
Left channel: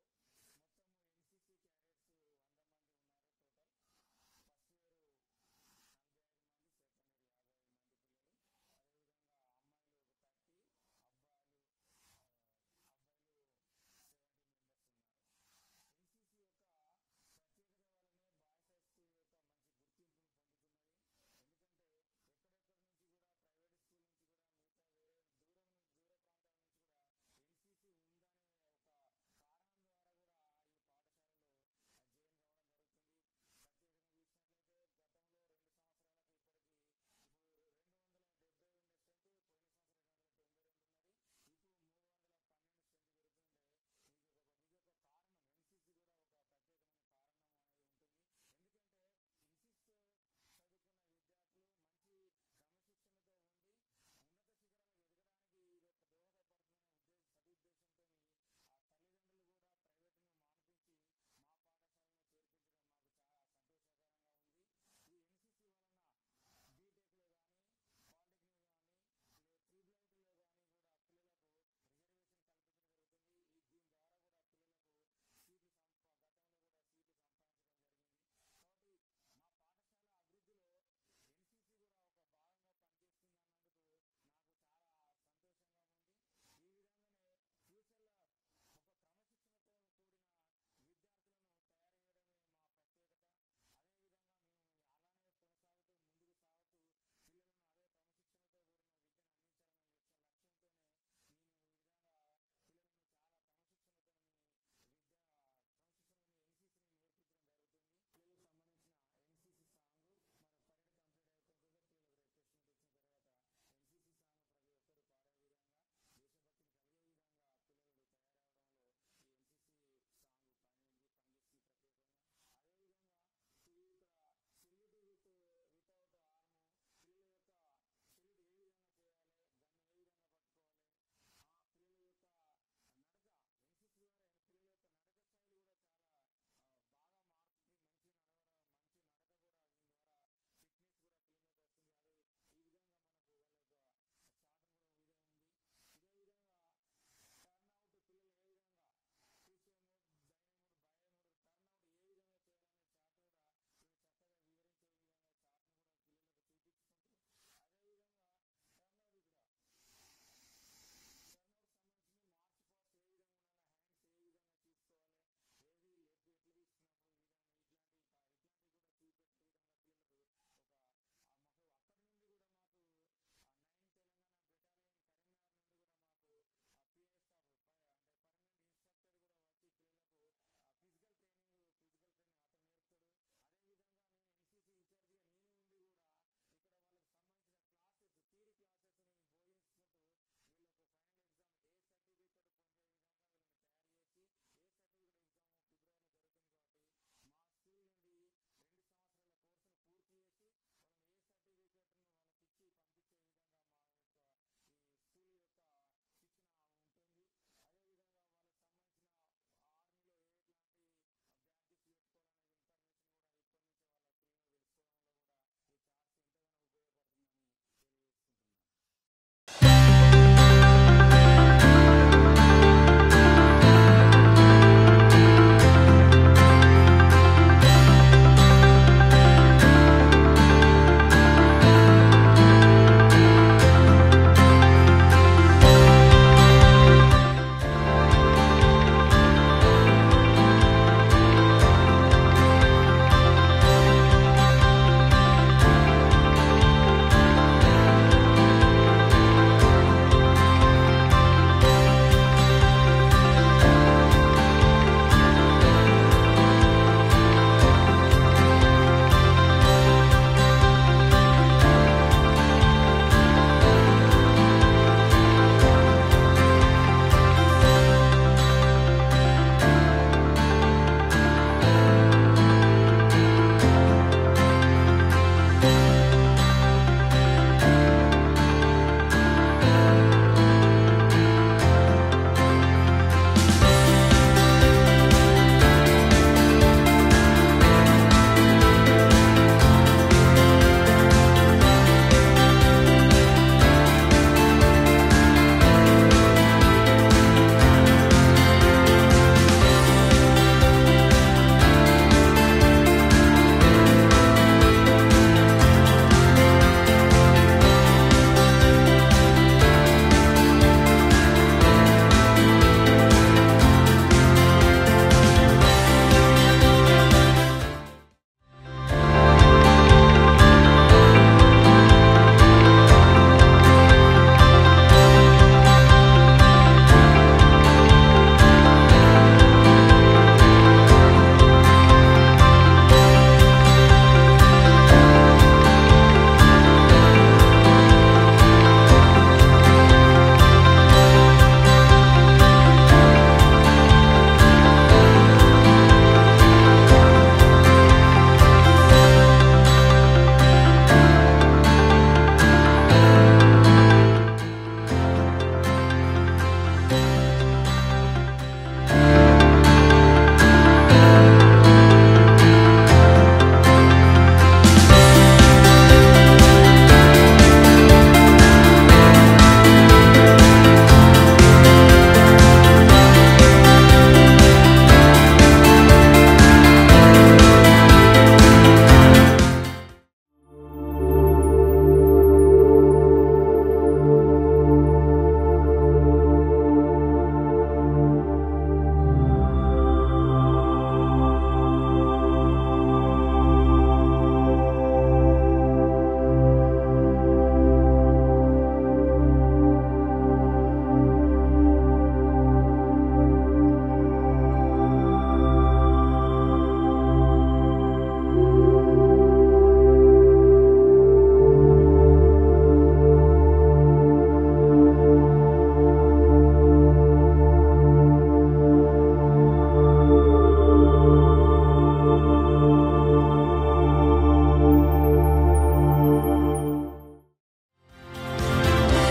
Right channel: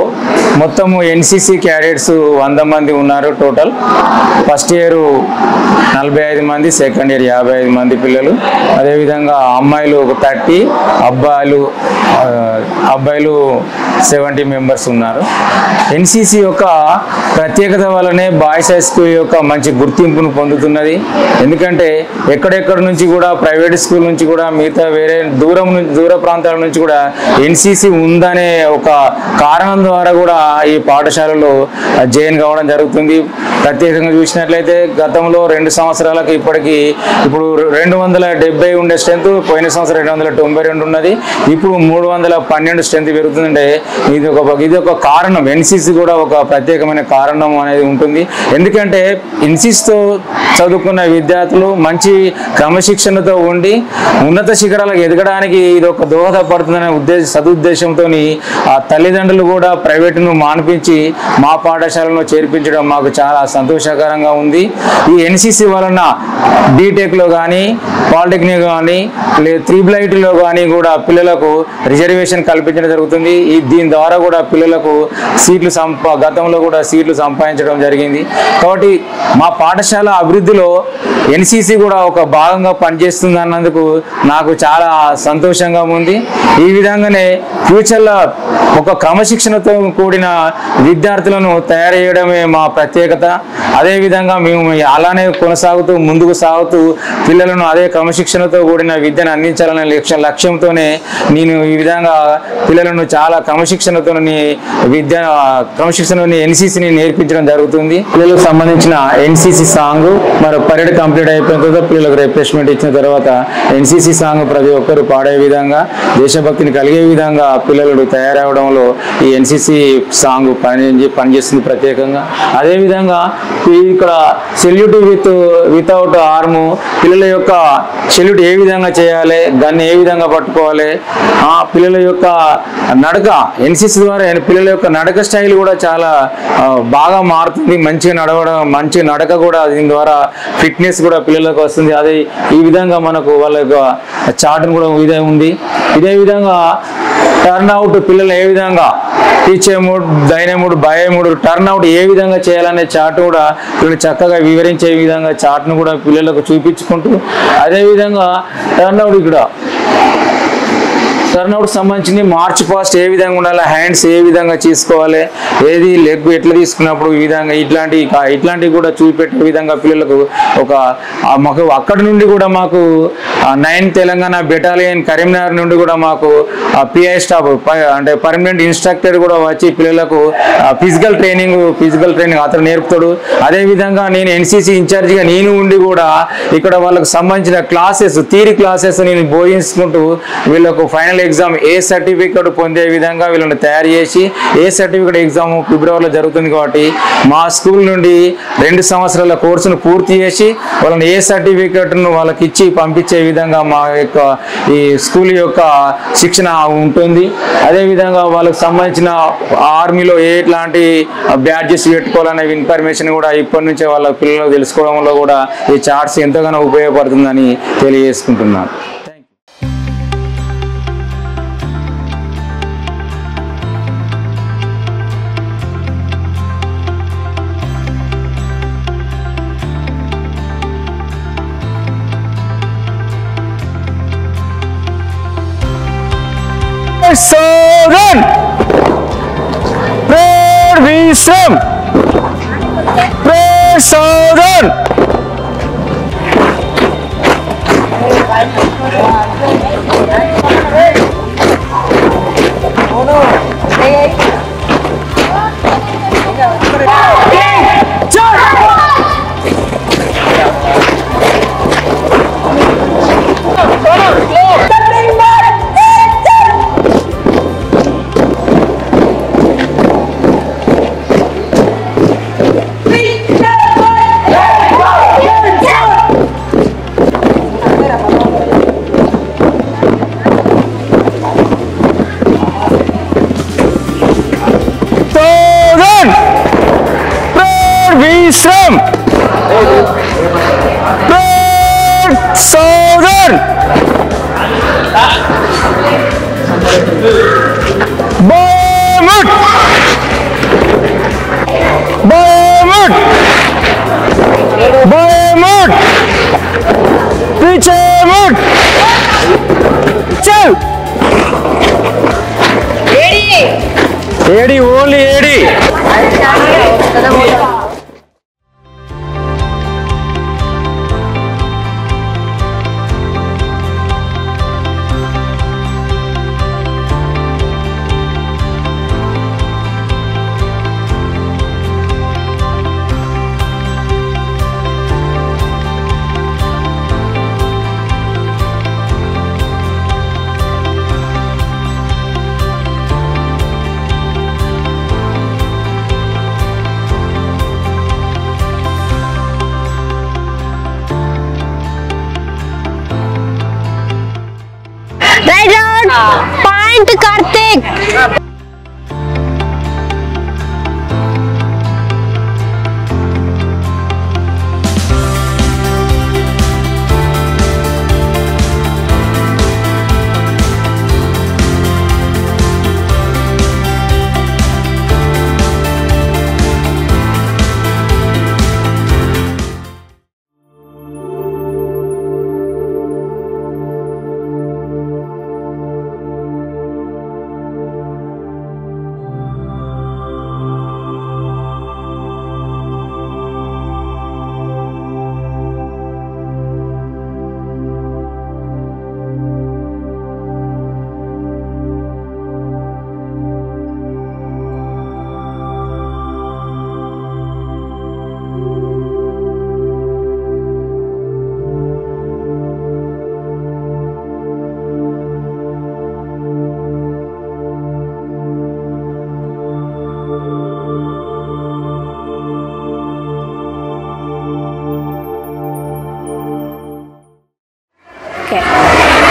మొత్తము ఎన్సీసీ క్యాడెట్స్ 100 మంది ఉన్నారు టోటల్. ఫస్ట్ ఇయర్ 45 మంది, సెకండ్ ఇయర్ 55 మంది పిల్లలు. అదేవిధంగా అమ్మాయిలు ఒక 30, అబ్బాయిలు 70 మెంబర్స్ ఉన్నారు. ఎన్సీసీ యొక్క ప్రత్యేకత వల్లనే బాయ్స్ హై స్కూల్ యొక్క మంచి గుర్తింపును పొందుతున్నది. ఎందుకంటే ఎక్కడెక్కడ నుంచి కూడా ప్రైవేట్ స్కూల్ నుంచి కూడా మిగతా వేరే దూర ప్రాంతాల నుంచి కూడా ఎన్సీసీ ఉందనే ఒక కారణం ద్వారా కూడా ఈ పాఠశాలలో జాయిన్ కావడం జరుగుతుంది. ప్రత్యేకంగా చూసినట్లయితే గతంలో 2 సంవత్సరాలకు ఇప్పుడు 270 ఉండే స్ట్రెంత్, పోయిన సంవత్సరం 292 ఉన్నది. ఇప్పుడు 312 స్ట్రెంత్ పెరుగుతుందంటే ఇది ఒక కారణం. ఎన్సీసీ కూడా ఒక ప్రత్యేకమైన కారణం అనేది ఉంటుంది. ఎందుకంటే ఎన్సీసీతో చదువుకున్న విద్యార్థులు మంచి క్రమశిక్షణతో ఉండి ఉన్నత శిఖరాలకు ఎదగడానికి ఇది ఒక దోహదపడుతుందనే సదుద్దేశంతో ఆ తల్లిదండ్రులు కూడా ప్రైవేటును మాన్పించి మా పాఠశాలను చేర్పించడం మాకు చాలా సంతోషకరంగా ఉంది. ఈ ఎన్సీసీ వలన బీటెక్లో కానీ, పాలిటెక్నిక్ కానీ, లేదా 3+ITలో కానీ కూడా పిల్లలకు రిజర్వేషన్ కల్పించడం జరుగుతుంది. దీని ద్వారా కూడా పిల్లలకు గతంలో కూడా సీట్లు సంపాదించడం జరిగింది. కాబట్టి మా పాఠశాల అభివృద్ధిలో ఎన్సీసీ కూడా ఒక భాగంగా పనిచేస్తుంది అన్నందుకు నాకు చాలా సంతోషంగా ఉంది. ఈ విధంగానే ఫ్యూచర్లో ఒక క్రమశిక్షణతో కూడిన విద్యార్థులను తయారు చేయడమే మా ప్రత్యేకత. అదేవిధంగా మేము అలానే ముందుకు సాగుతూ పిల్లలను అదే క్రమశిక్షణతో కూడిన విద్యను అందించాలనే లక్ష్యంతోనే నేను ఈ విధంగా పిల్లలను చాలా క్రమశిక్షణతోని ఎన్సీసీని నేర్పించడం జరుగుతుంది. పిల్లలకు సంబంధించిన ఎన్సీసీ సాంగ్ మరి పరేడ్ కంప్లీట్ కంప్లీట్ అయిపోయిన తర్వాత పిల్లలకు రిఫ్రెష్మెంట్ ఇచ్చిన తర్వాత ఎన్సీసీ సాంగ్ ప్రతి ఒక్కరు పాడే విధంగా దేశభక్తిని కలిగే విధంగా పిల్లలు తయారవడంలో ఈ ఎన్సీసీ సాంగ్ పనిచేస్తుంది ప్రత్యేకంగా. అదేవిధంగా ఇక్కడ సెల్యూట్ వితౌట్ ఆర్మ్, పిల్లల యొక్క సెల్యూట్ ఏ విధంగా చేయాలి, దాన్ని ఏ విధంగా పట్టుకోవాలి, పిల్లల యొక్క నడక ఎన్సీసీ ద్వారా పిల్లల యొక్క నడక స్టైల్ కూడా చాలా బాగా మారుతుంది. మంచిగా నడవడం, మంచి నడక కూడా దీని ద్వారా ఫిట్నెస్ కూడా పిల్లలకు వస్తుంది. అదే ఈ విధంగా మనకు వాళ్ళ యొక్క చార్ట్ను కూడా ఇదే ఉంది. ఇదే విధంగా టర్న్ అవుట్ పిల్లలు ఏ విధంగా టీచే మూడ్, డైనే మూడ్, బయే మూడ్, టర్న్ అవుట్ ఏ విధంగా చేయాలనే చార్ట్ కూడా పిల్లలు చక్కగా వివరించే విధంగా చార్ట్ను కూడా పిల్లలకు చూపించుకుంటూ, అదేవిధంగా టర్న్ అవుట్ ఇక్కడ టర్న్అవుట్ సంబంధించి మార్చ్ పాస్ట్ ఏ విధంగా ఉండాలి, హ్యాండ్స్ ఏ విధంగా తీసుకోవాలి, ఏది లెగ్ ఎట్లా తీసుకున్నప్పుడు ఈ విధంగా ఇట్లాంటివి కూడా చూపెట్టే విధంగా పిల్లలకు మాకు అక్కడి నుండి కూడా మాకు 9th తెలంగాణ బెటాలియన్ కరీంనగర్ నుండి కూడా మాకు పిఐ స్టాఫ్ అంటే పర్మనెంట్ ఇన్స్ట్రక్టర్ కూడా వచ్చి పిల్లలకు ఫిజికల్ ట్రైనింగ్ అతను నేర్పుతాడు. అదేవిధంగా నేను ఎన్సీసీ ఇన్ఛార్జిగా నేను ఉండి కూడా ఇక్కడ వాళ్ళకు సంబంధించిన థియరీ క్లాసెస్ నేను బోధించుకుంటూ వీళ్ళకు ఫైనల్ ఎగ్జామ్ ఏ సర్టిఫికేట్ పొందే విధంగా వీళ్ళని తయారు చేసి, ఏ సర్టిఫికేట్ ఎగ్జామ్ ఫిబ్రవరిలో జరుగుతుంది కాబట్టి మా స్కూల్ నుండి 2 సంవత్సరాల కోర్సును పూర్తి చేసి వాళ్ళని ఏ సర్టిఫికేట్ను వాళ్ళకి ఇచ్చి పంపించే విధంగా మా యొక్క ఈ స్కూల్ యొక్క శిక్షణ ఉంటుంది. అదేవిధంగా వాళ్ళకి సంబంధించిన ఆర్మీలో ఎట్లాంటి బ్యాడ్జెస్ పెట్టుకోవాలనే ఇన్ఫర్మేషన్ కూడా ఇప్పటి నుంచే వాళ్ళ పిల్లలు తెలుసుకోవడంలో కూడా ఈ చార్ట్స్ ఎంతగానో ఉపయోగపడుతుందని తెలియజేసుకుంటున్నాను. Sogan, Prayer Visram, Prayer Sogan.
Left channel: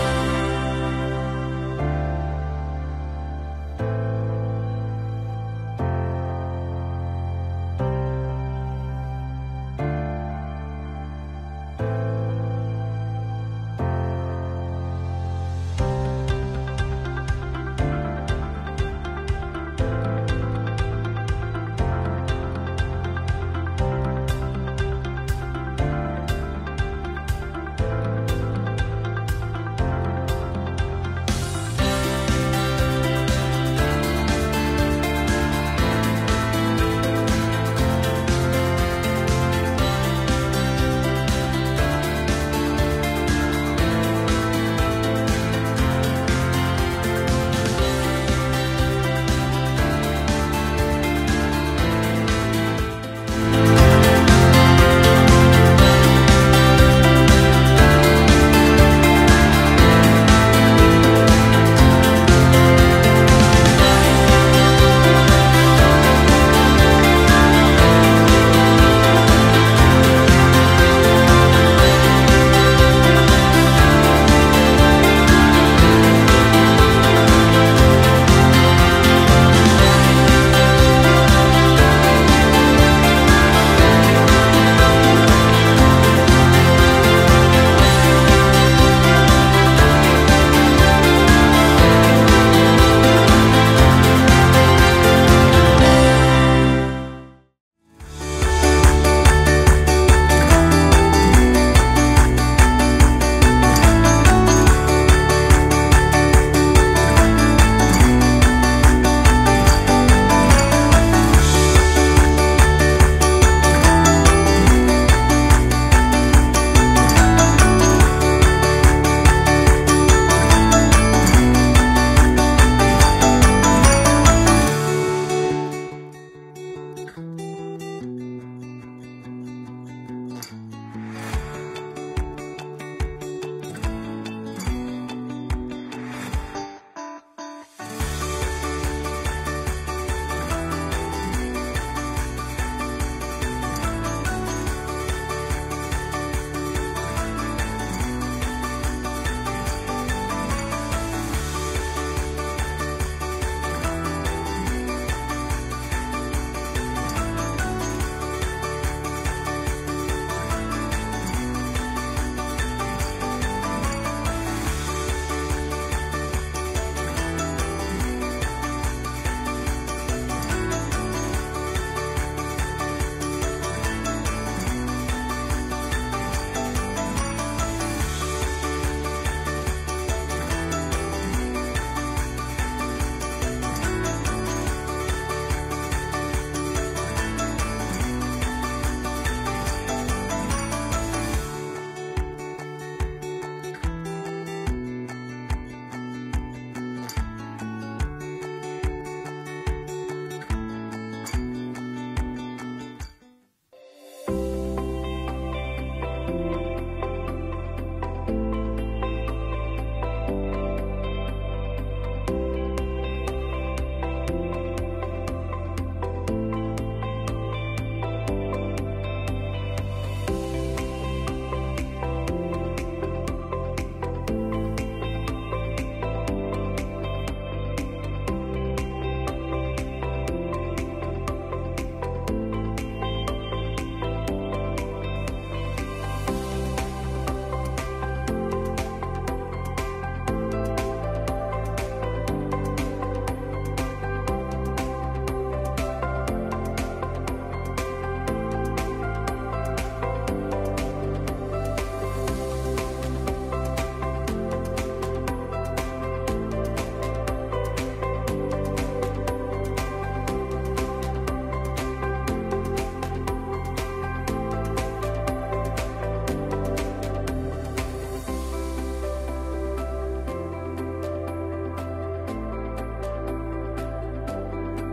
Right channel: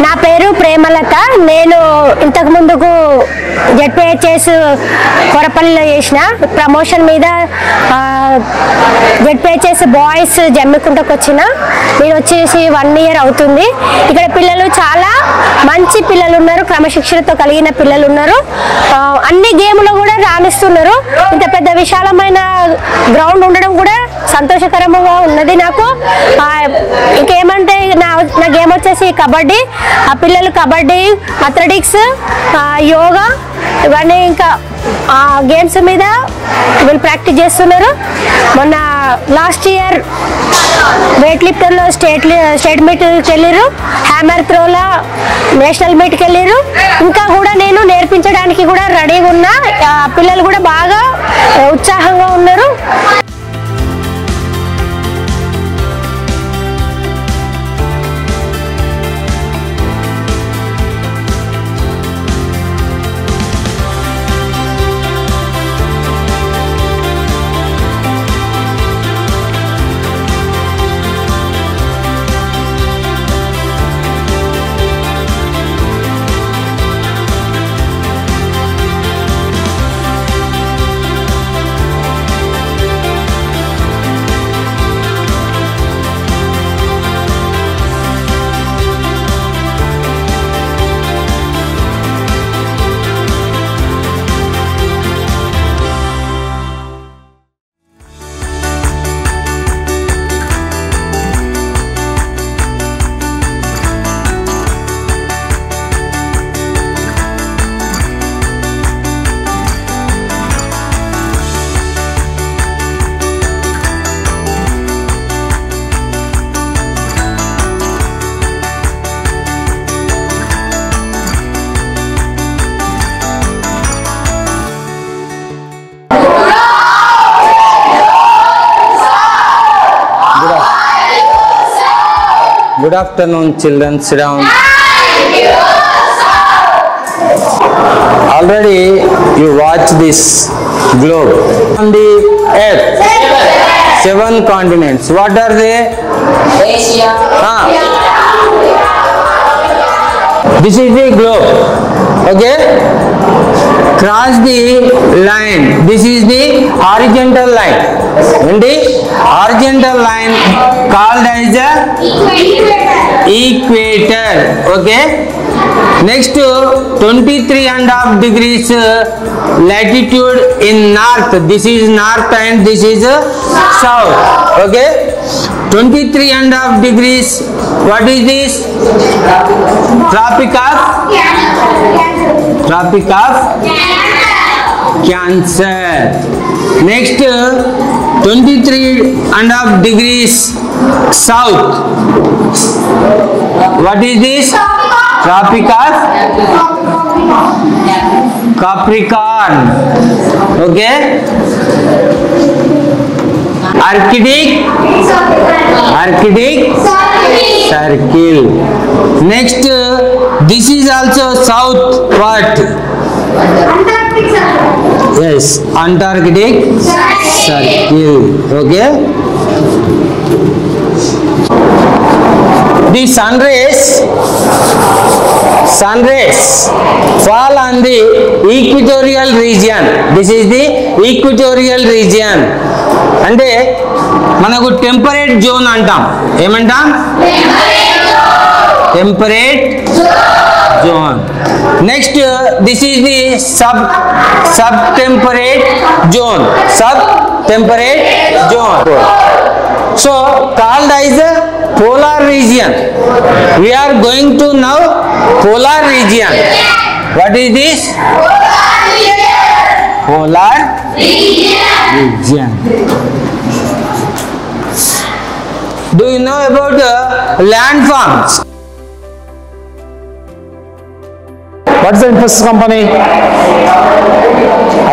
నా పేరు ప్రేమలత. నేను ఇంతకు ముందుకు జెడ్పీహెచ్ఎస్ కొరపల్లిలో చేసిన ప్రమోషన్ మీద జెడ్పీహెచ్ఎస్ బాయ్స్ జమ్మికుంటకు వచ్చిన. నేను వచ్చేసి 1 ఇయర్ అవుతుంది. ఇక్కడ పిల్లలు చాలా మంచి పిల్లలు ఉన్నారు, క్రమశిక్షణతో కలిగిన పిల్లలు ఉన్నారు. అన్ని గేమ్లో కూడా రాణిస్తున్నారు. ఇంత పెద్ద విశాలమైన గ్రౌండ్ ఉండడం కూడా సంతోషకరంగా ఉన్నది నాకు. ఇంకేమంటే నా గేమ్ వచ్చేసి కబడ్డీ. ఆ పిల్లలు కబడ్డీ, అథ్లెటిక్స్, యోగా ఇవన్నీ ఇంకా గేమ్స్ మీద వీళ్ళు ప్రాక్టీస్ చేస్తున్నారు. మొన్న లాస్ట్ ఇయర్ వెయిట్ లిఫ్టర్లో స్టేట్ మీట్కి వెళ్ళారు, హ్యామర్ త్రోలో నేషనల్ మీట్కి వెళ్ళారు. ఇంకా కూడా నేను నేర్పించడానికి కూడా రెడీగా ఉన్నా. పిల్లలు కూడా బాగా ఉత్సాహంగా ఉన్నారు. Good afternoon, children. Sit down. Already you watch this globe. On the earth, 7 continents. What are they? Asia. This is the globe. Okay? Cross the line. This is the horizontal line. And the horizontal line called as the equator. Okay? Next 23.5 degrees latitude in north. This is north and this is south. Okay? 23.5 degrees. What is this? Tropic of Cancer. Next 23.5 degrees south. What is this? Tropic of Capricorn. Okay? Arctic Circle. Next, this is also south. What? Yes, Antarctic Circle. Okay? The sun rays fall on the equatorial region. This is the equatorial region. అంటే మనకు temperate zone అంటాం. ఏమంటాం? Temperate zone. Next this is the sub temperate zone. So called as polar region. We are going to now polar region. What is this? Polar region. Do you know about landforms? What is the Infosys company?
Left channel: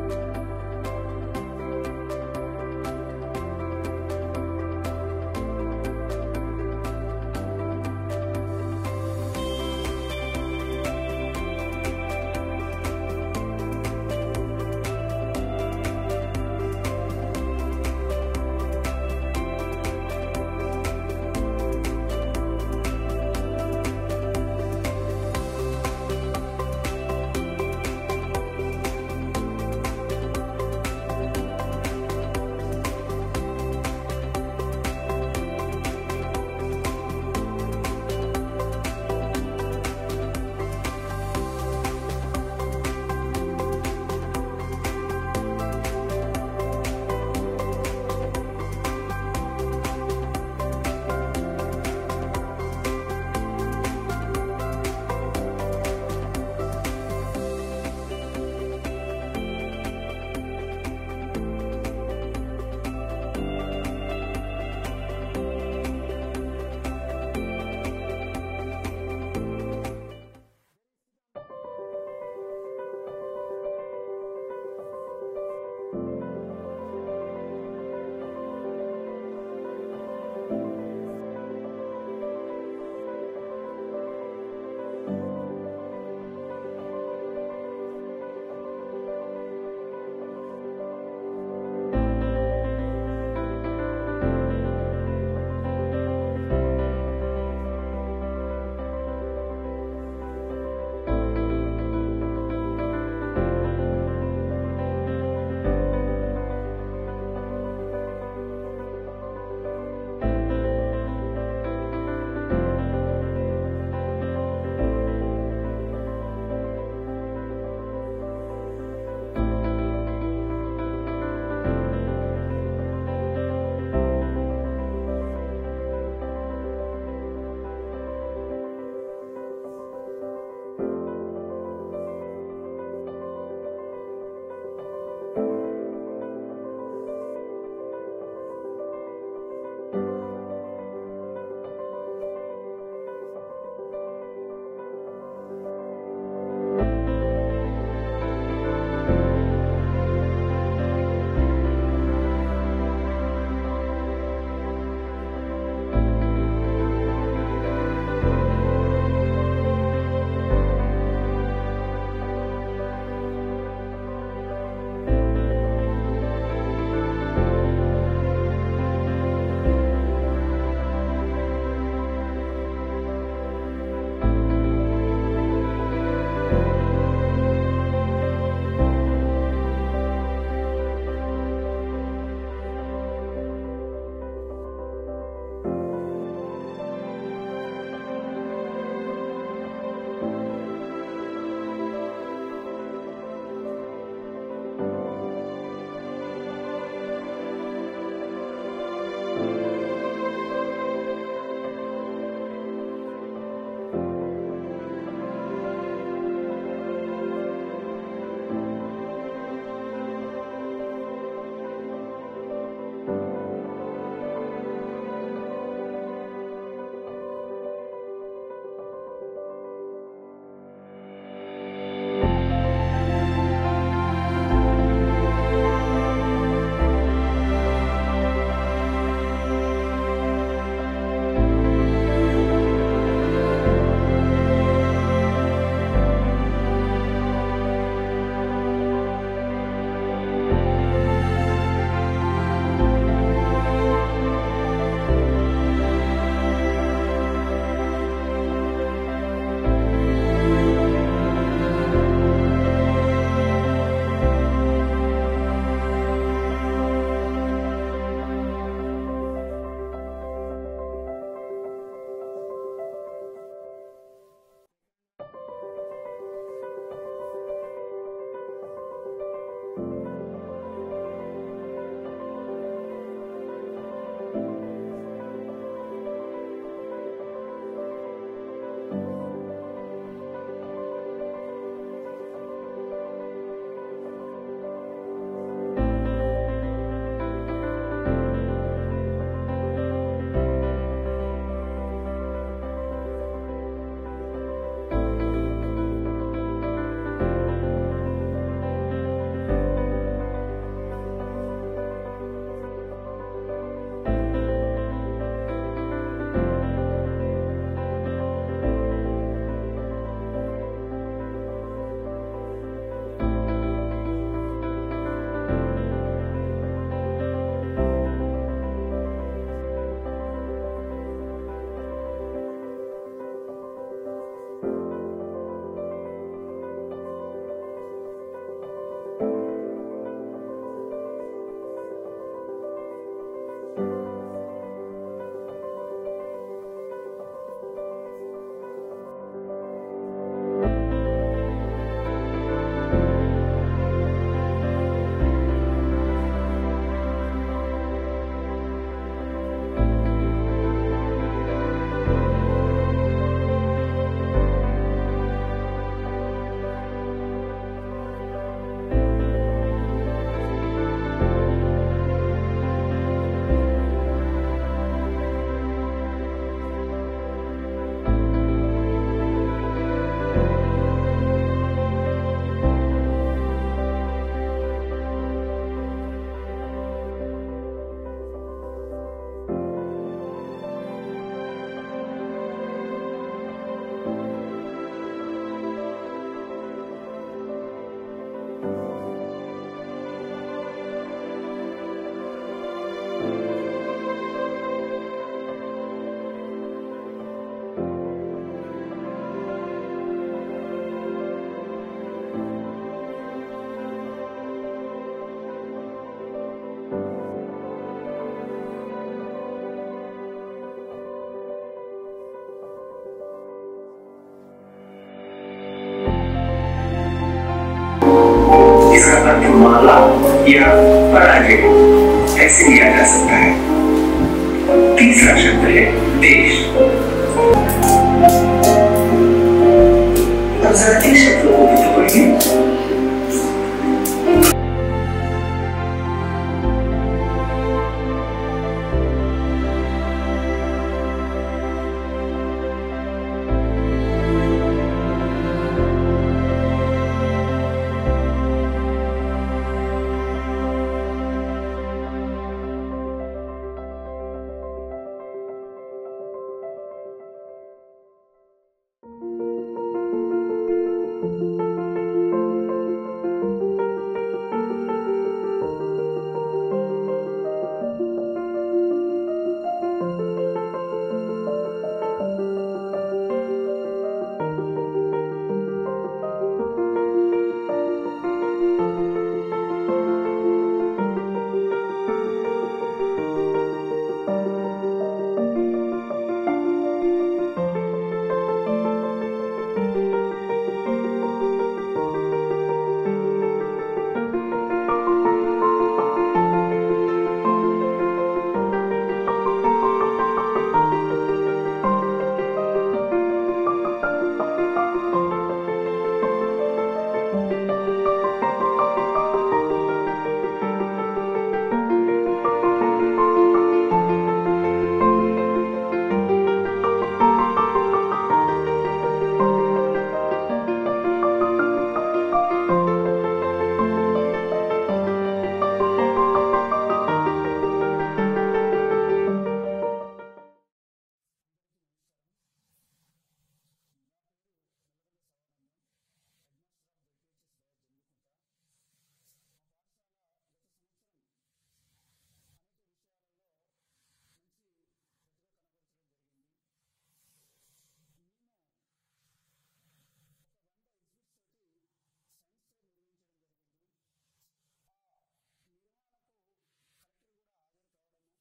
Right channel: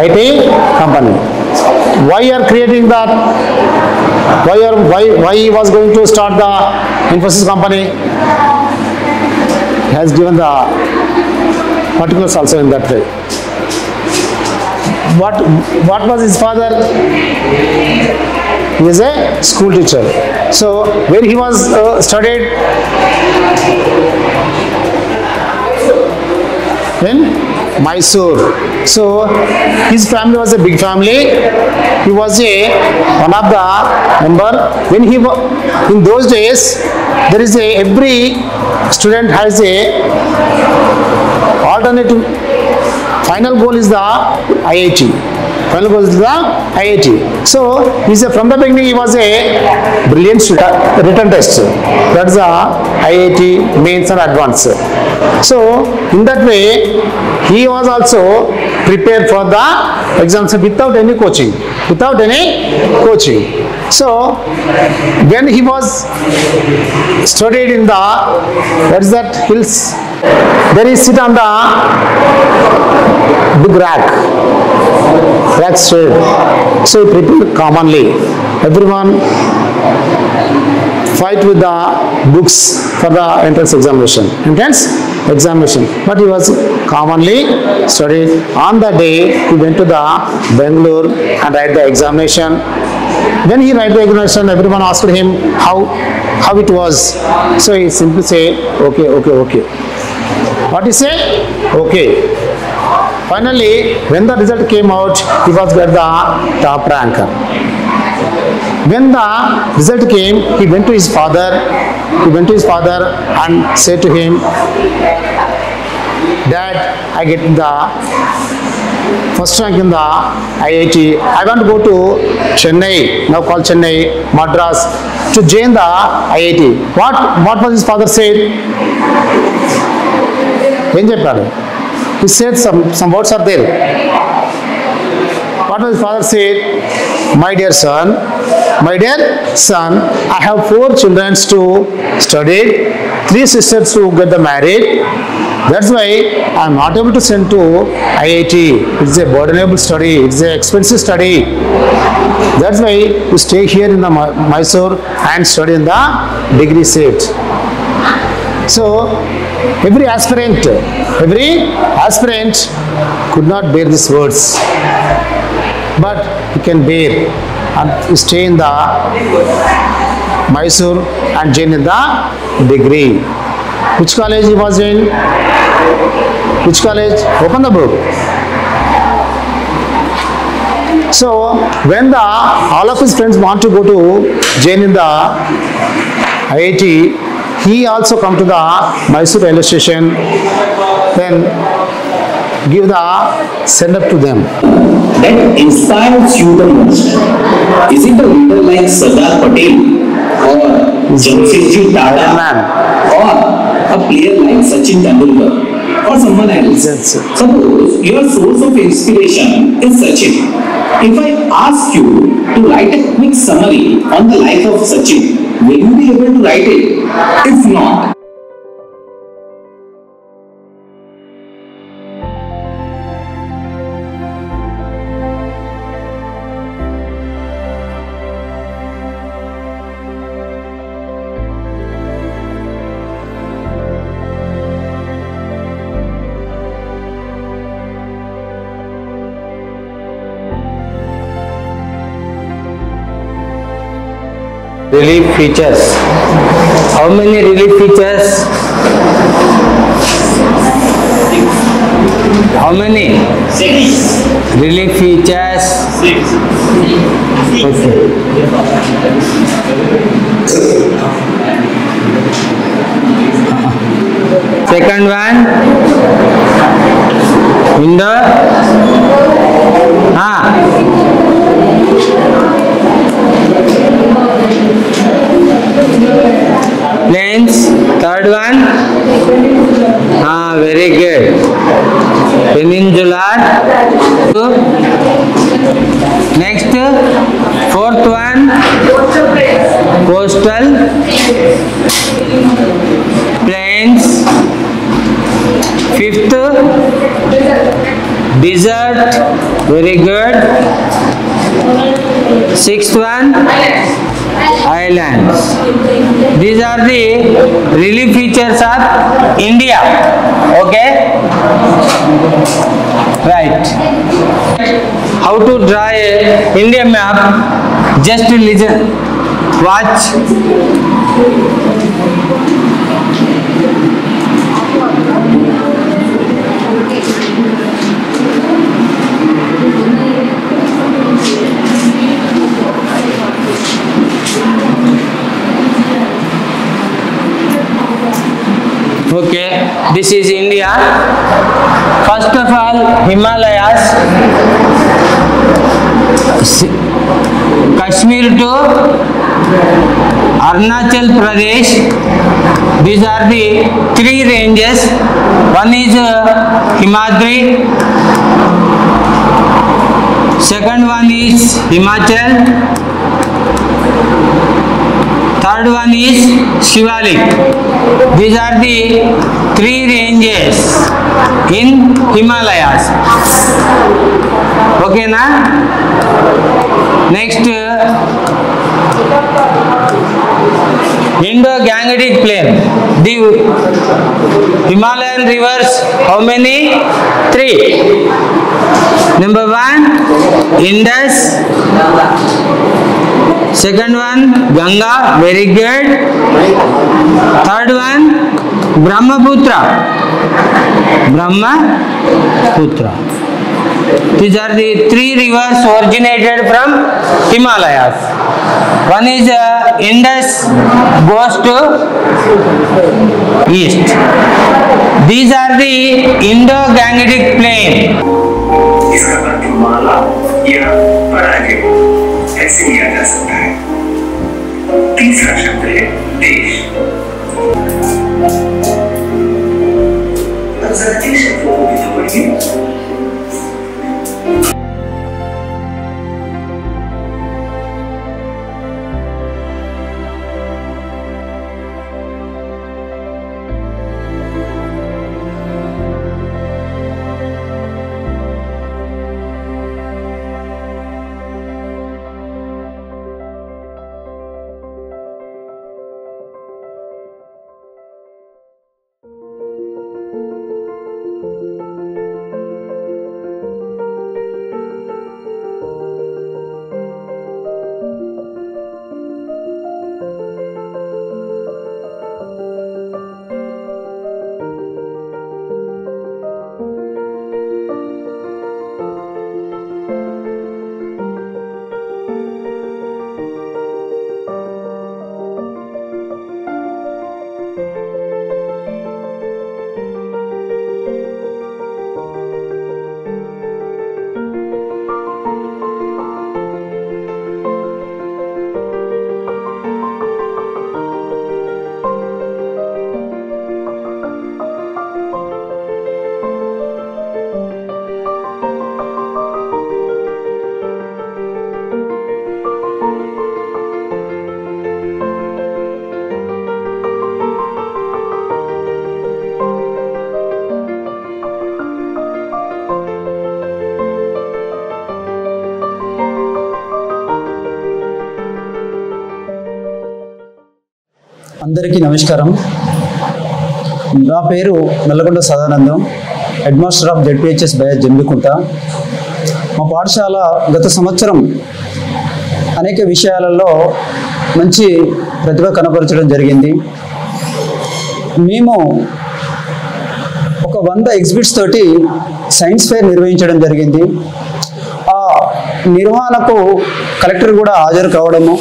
IT company. Why you are creating that? Why he was going to start the Infosys company? He has given the particulars also in that way. what was his father? He is a school teacher. So where he was studied? In Mysore. So his family was a big family. He was one of the member. When he in those days, there is every student has a alternative. Final goal is the IIT. Final goal is the IIT. So from the beginning he was a brilliant student. Written test. That's the IIT mains and advanced. So in that way, he was also prepared for the exams without any coaching. Without any coaching. So when he was studied in the, what is that, hills, there he sit on the big rack straight. So he prepared commonly. Everyone fight with the books for the entrance examination. But he was commonly studied. On the day he went to the Bangalore and write the examination. When he write the examination, everyone asked him how it was. So he simply say, okay. What he say? Okay. Finally, when the result came out, he was got the top rank. When the result came, he went to his father. And said to him, Dad, I get the first rank in the IIT. I want to go to Chennai, now called Chennai, Madras, to join the IIT. What was his father said? He said some words are there. What was his father said? My dear son, I have 4 children to study, 3 sisters to get married. That's why I am not able to send to IIT. It's a burdenable study. It's an expensive study. That's why you stay here in the Mysore and study in the degree seat. So every aspirant could not bear these words, but he can bear and stay in the Mysore and join in the degree. Which college he was in? Which college? Open the book. So when all of his friends want to go to join in the IIT, he also come to the Mysore railway station, then give the send up to them. That inspires you the most? Is it a leader like Sardar Patel or Jamshedji Tata or a player like Sachin Tendulkar or someone else? Suppose your source of inspiration is Sachin. If I ask you to write a quick summary on the life of Sachin, will you be able to write it? If not, relief features. How many relief features? How many? 6. Relief features? 6. Okay. Second one. Window. Planes. Third one. Very good. Peninsular. Next. Fourth one. Coastal. Plains. Fifth. Desert. Very good. Sixth one. Islands. These are the relief features of India. Okay? Right. how to draw a India map. Just listen, watch. Okay, this is India. First of all, Himalayas, Kashmir to Arunachal Pradesh. These are the three ranges. One is Himadri, second one is Himachal, third one is Shivalik. These are the three ranges in Himalayas. Okay, na? Next, Indo-Gangetic Plain. The Himalayan rivers, how many? 3. Number 1, Indus. Second one, Ganga, very good. Third one, Brahmaputra. Brahmaputra. These are the three rivers originated from Himalayas. One is Indus, goes to east. These are the Indo-Gangetic Plain. इसका अर्थ माला या पराजय ऐसे लिया जा सकता है। तीसरा शब्द है देश। अब जरा इन शब्दों को भी तो पढ़िए। అందరికీ నమస్కారం. నా పేరు Nalgonda Sadanandam, head master of ZPHS bias Jammikunta. మా పాఠశాల గత సంవత్సరం అనేక విషయాలలో మంచి ప్రతిభ కనపరచడం జరిగింది. మేము ఒక 100 ఎగ్జిబిట్స్ తోటి సైన్స్ ఫేర్ నిర్వహించడం జరిగింది. ఆ నిర్వహణకు కలెక్టర్ కూడా హాజరు కావడము,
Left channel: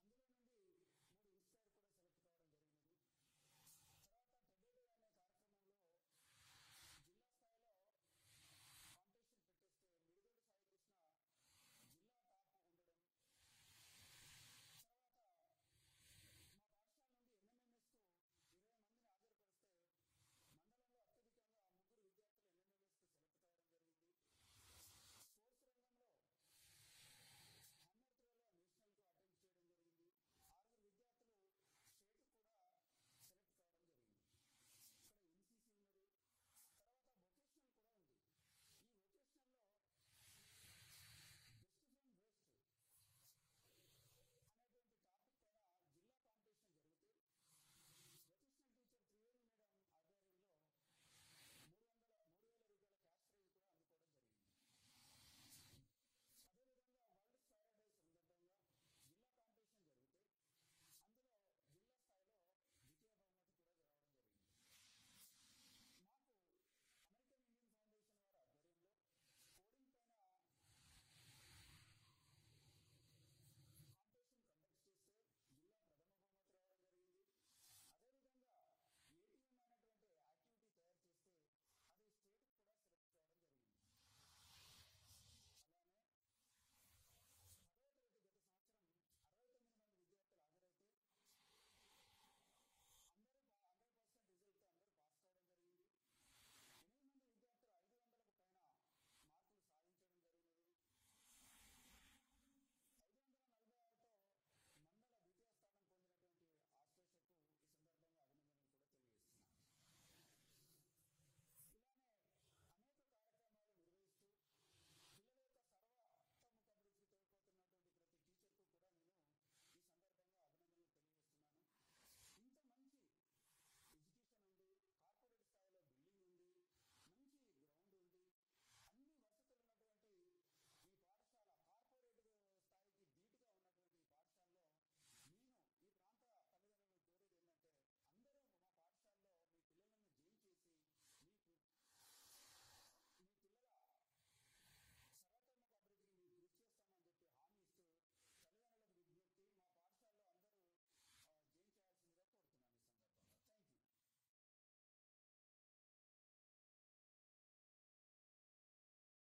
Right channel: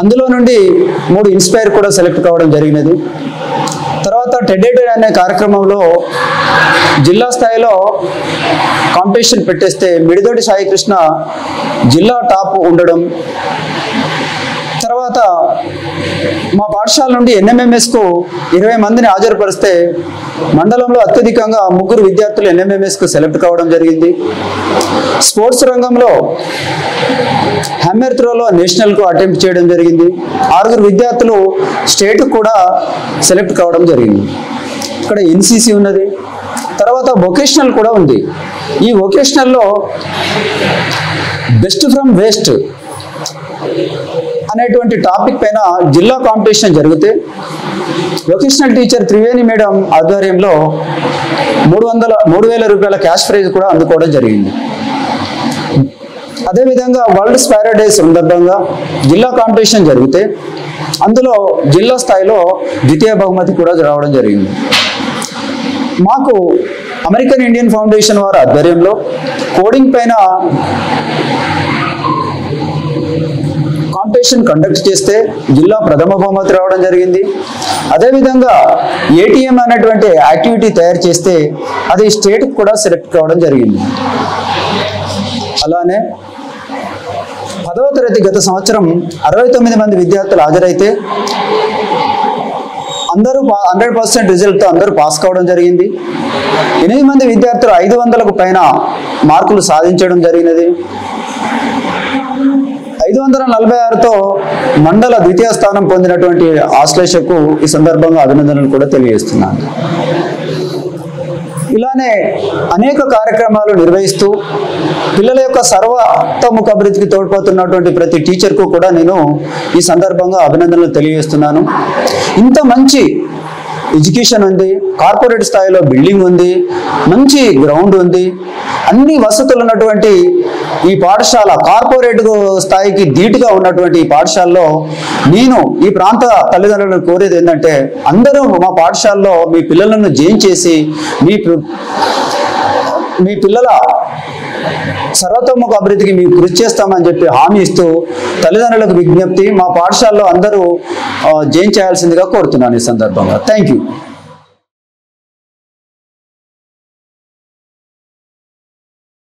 అందులో నుండి 3 ఇన్స్పైర్ కూడా సెలెక్ట్ కావడం జరిగినది. తర్వాత టెడేటెడ్ అనే కార్యక్రమంలో జిల్లా స్థాయిలో కాంపిటీషన్ పెట్టేస్తే మిడిదొడ్డి సాయికృష్ణ జిల్లా టాప్ ఉండడం. తర్వాత మా పాఠశాల నుండి ఎన్ఎంఎంఎస్కు 20 మందిని హాజరుపరిస్తే మండలంలో అత్యధికంగా 3 విద్యార్థులు ఎన్ఎంఎంఎస్కు సెలెక్ట్ కావడం జరిగింది. స్పోర్ట్స్ రంగంలో హ్యామర్ త్రోలో నేషనల్కు అటెంప్ట్ చేయడం జరిగింది. 6 విద్యార్థులు స్టేట్ కూడా సెలెక్ట్ కావడం జరిగింది. ఇక్కడ ఎన్సిసి ఉన్నది, తర్వాత వొకేషనల్ కూడా ఉంది. ఈ వొకేషనల్లో బెస్ట్ ఫ్రమ్ వేస్ట్ అనేటువంటి టాపిక్ పైన జిల్లా కాంపిటీషన్ జరిగితే వొకేషనల్ టీచర్ త్రివేణి మేడం ఆధ్వర్యంలో 3,000 రూపాయల క్యాష్ ప్రైజ్ కూడా అందుకోవడం జరిగింది. అదేవిధంగా వరల్డ్ స్పైరో డే సందర్భంగా జిల్లా కాంపిటీషన్ జరిగితే అందులో జిల్లా స్థాయిలో ద్వితీయ బహుమతి కూడా రావడం జరిగింది. మాకు అమెరికన్ ఇండియన్ ఫౌండేషన్ వారి ఆధ్వర్యంలో కోడింగ్ పైన కాంపిటీషన్ కండక్ట్ చేస్తే జిల్లా ప్రథమ బహుమతి రావడం జరిగింది. అదేవిధంగా ఏటీఎం అనేటువంటి యాక్టివిటీ తయారు చేస్తే అది స్టేట్కి కూడా సెలెక్ట్ కావడం జరిగింది. అలానే 10వ తరగతి గత సంవత్సరం 69 మంది విద్యార్థులు హాజరైతే అందరూ 100% రిజల్ట్తో అందరూ పాస్ కావడం జరిగింది. 8 మంది విద్యార్థులు 500కు పైన మార్కులు సాధించడం జరిగినది. 546తో మండల ద్వితీయ స్థానం పొందినటువంటి ఆశ్లేషకు ఈ సందర్భంగా అభినందనలు కూడా తెలియజేస్తున్నాను. ఇలానే అనేక కార్యక్రమాలు నిర్వహిస్తూ పిల్లల యొక్క సర్వతోముఖ అభివృద్ధికి తోడ్పడుతున్నటువంటి ప్రతి టీచర్కు కూడా నేను ఈ సందర్భంగా అభినందనలు తెలియజేస్తున్నాను. ఇంత మంచి ఎడ్యుకేషన్ ఉంది, కార్పొరేట్ స్థాయిలో బిల్డింగ్ ఉంది, మంచి గ్రౌండ్ ఉంది, అన్ని వసతులు ఉన్నటువంటి ఈ పాఠశాల కార్పొరేట్ స్థాయికి ధీటుగా ఉన్నటువంటి ఈ పాఠశాలలో నేను ఈ ప్రాంత తల్లిదండ్రులను కోరేది ఏంటంటే అందరూ మా పాఠశాలలో మీ పిల్లలను జాయిన్ చేసి మీ పిల్లల సర్వతోముఖ అభివృద్ధికి మేము కృషి చేస్తామని చెప్పి హామీ ఇస్తూ తల్లిదండ్రులకు విజ్ఞప్తి, మా పాఠశాలలో అందరూ జాయిన్ చేయాల్సిందిగా కోరుతున్నాను ఈ సందర్భంగా. Thank you.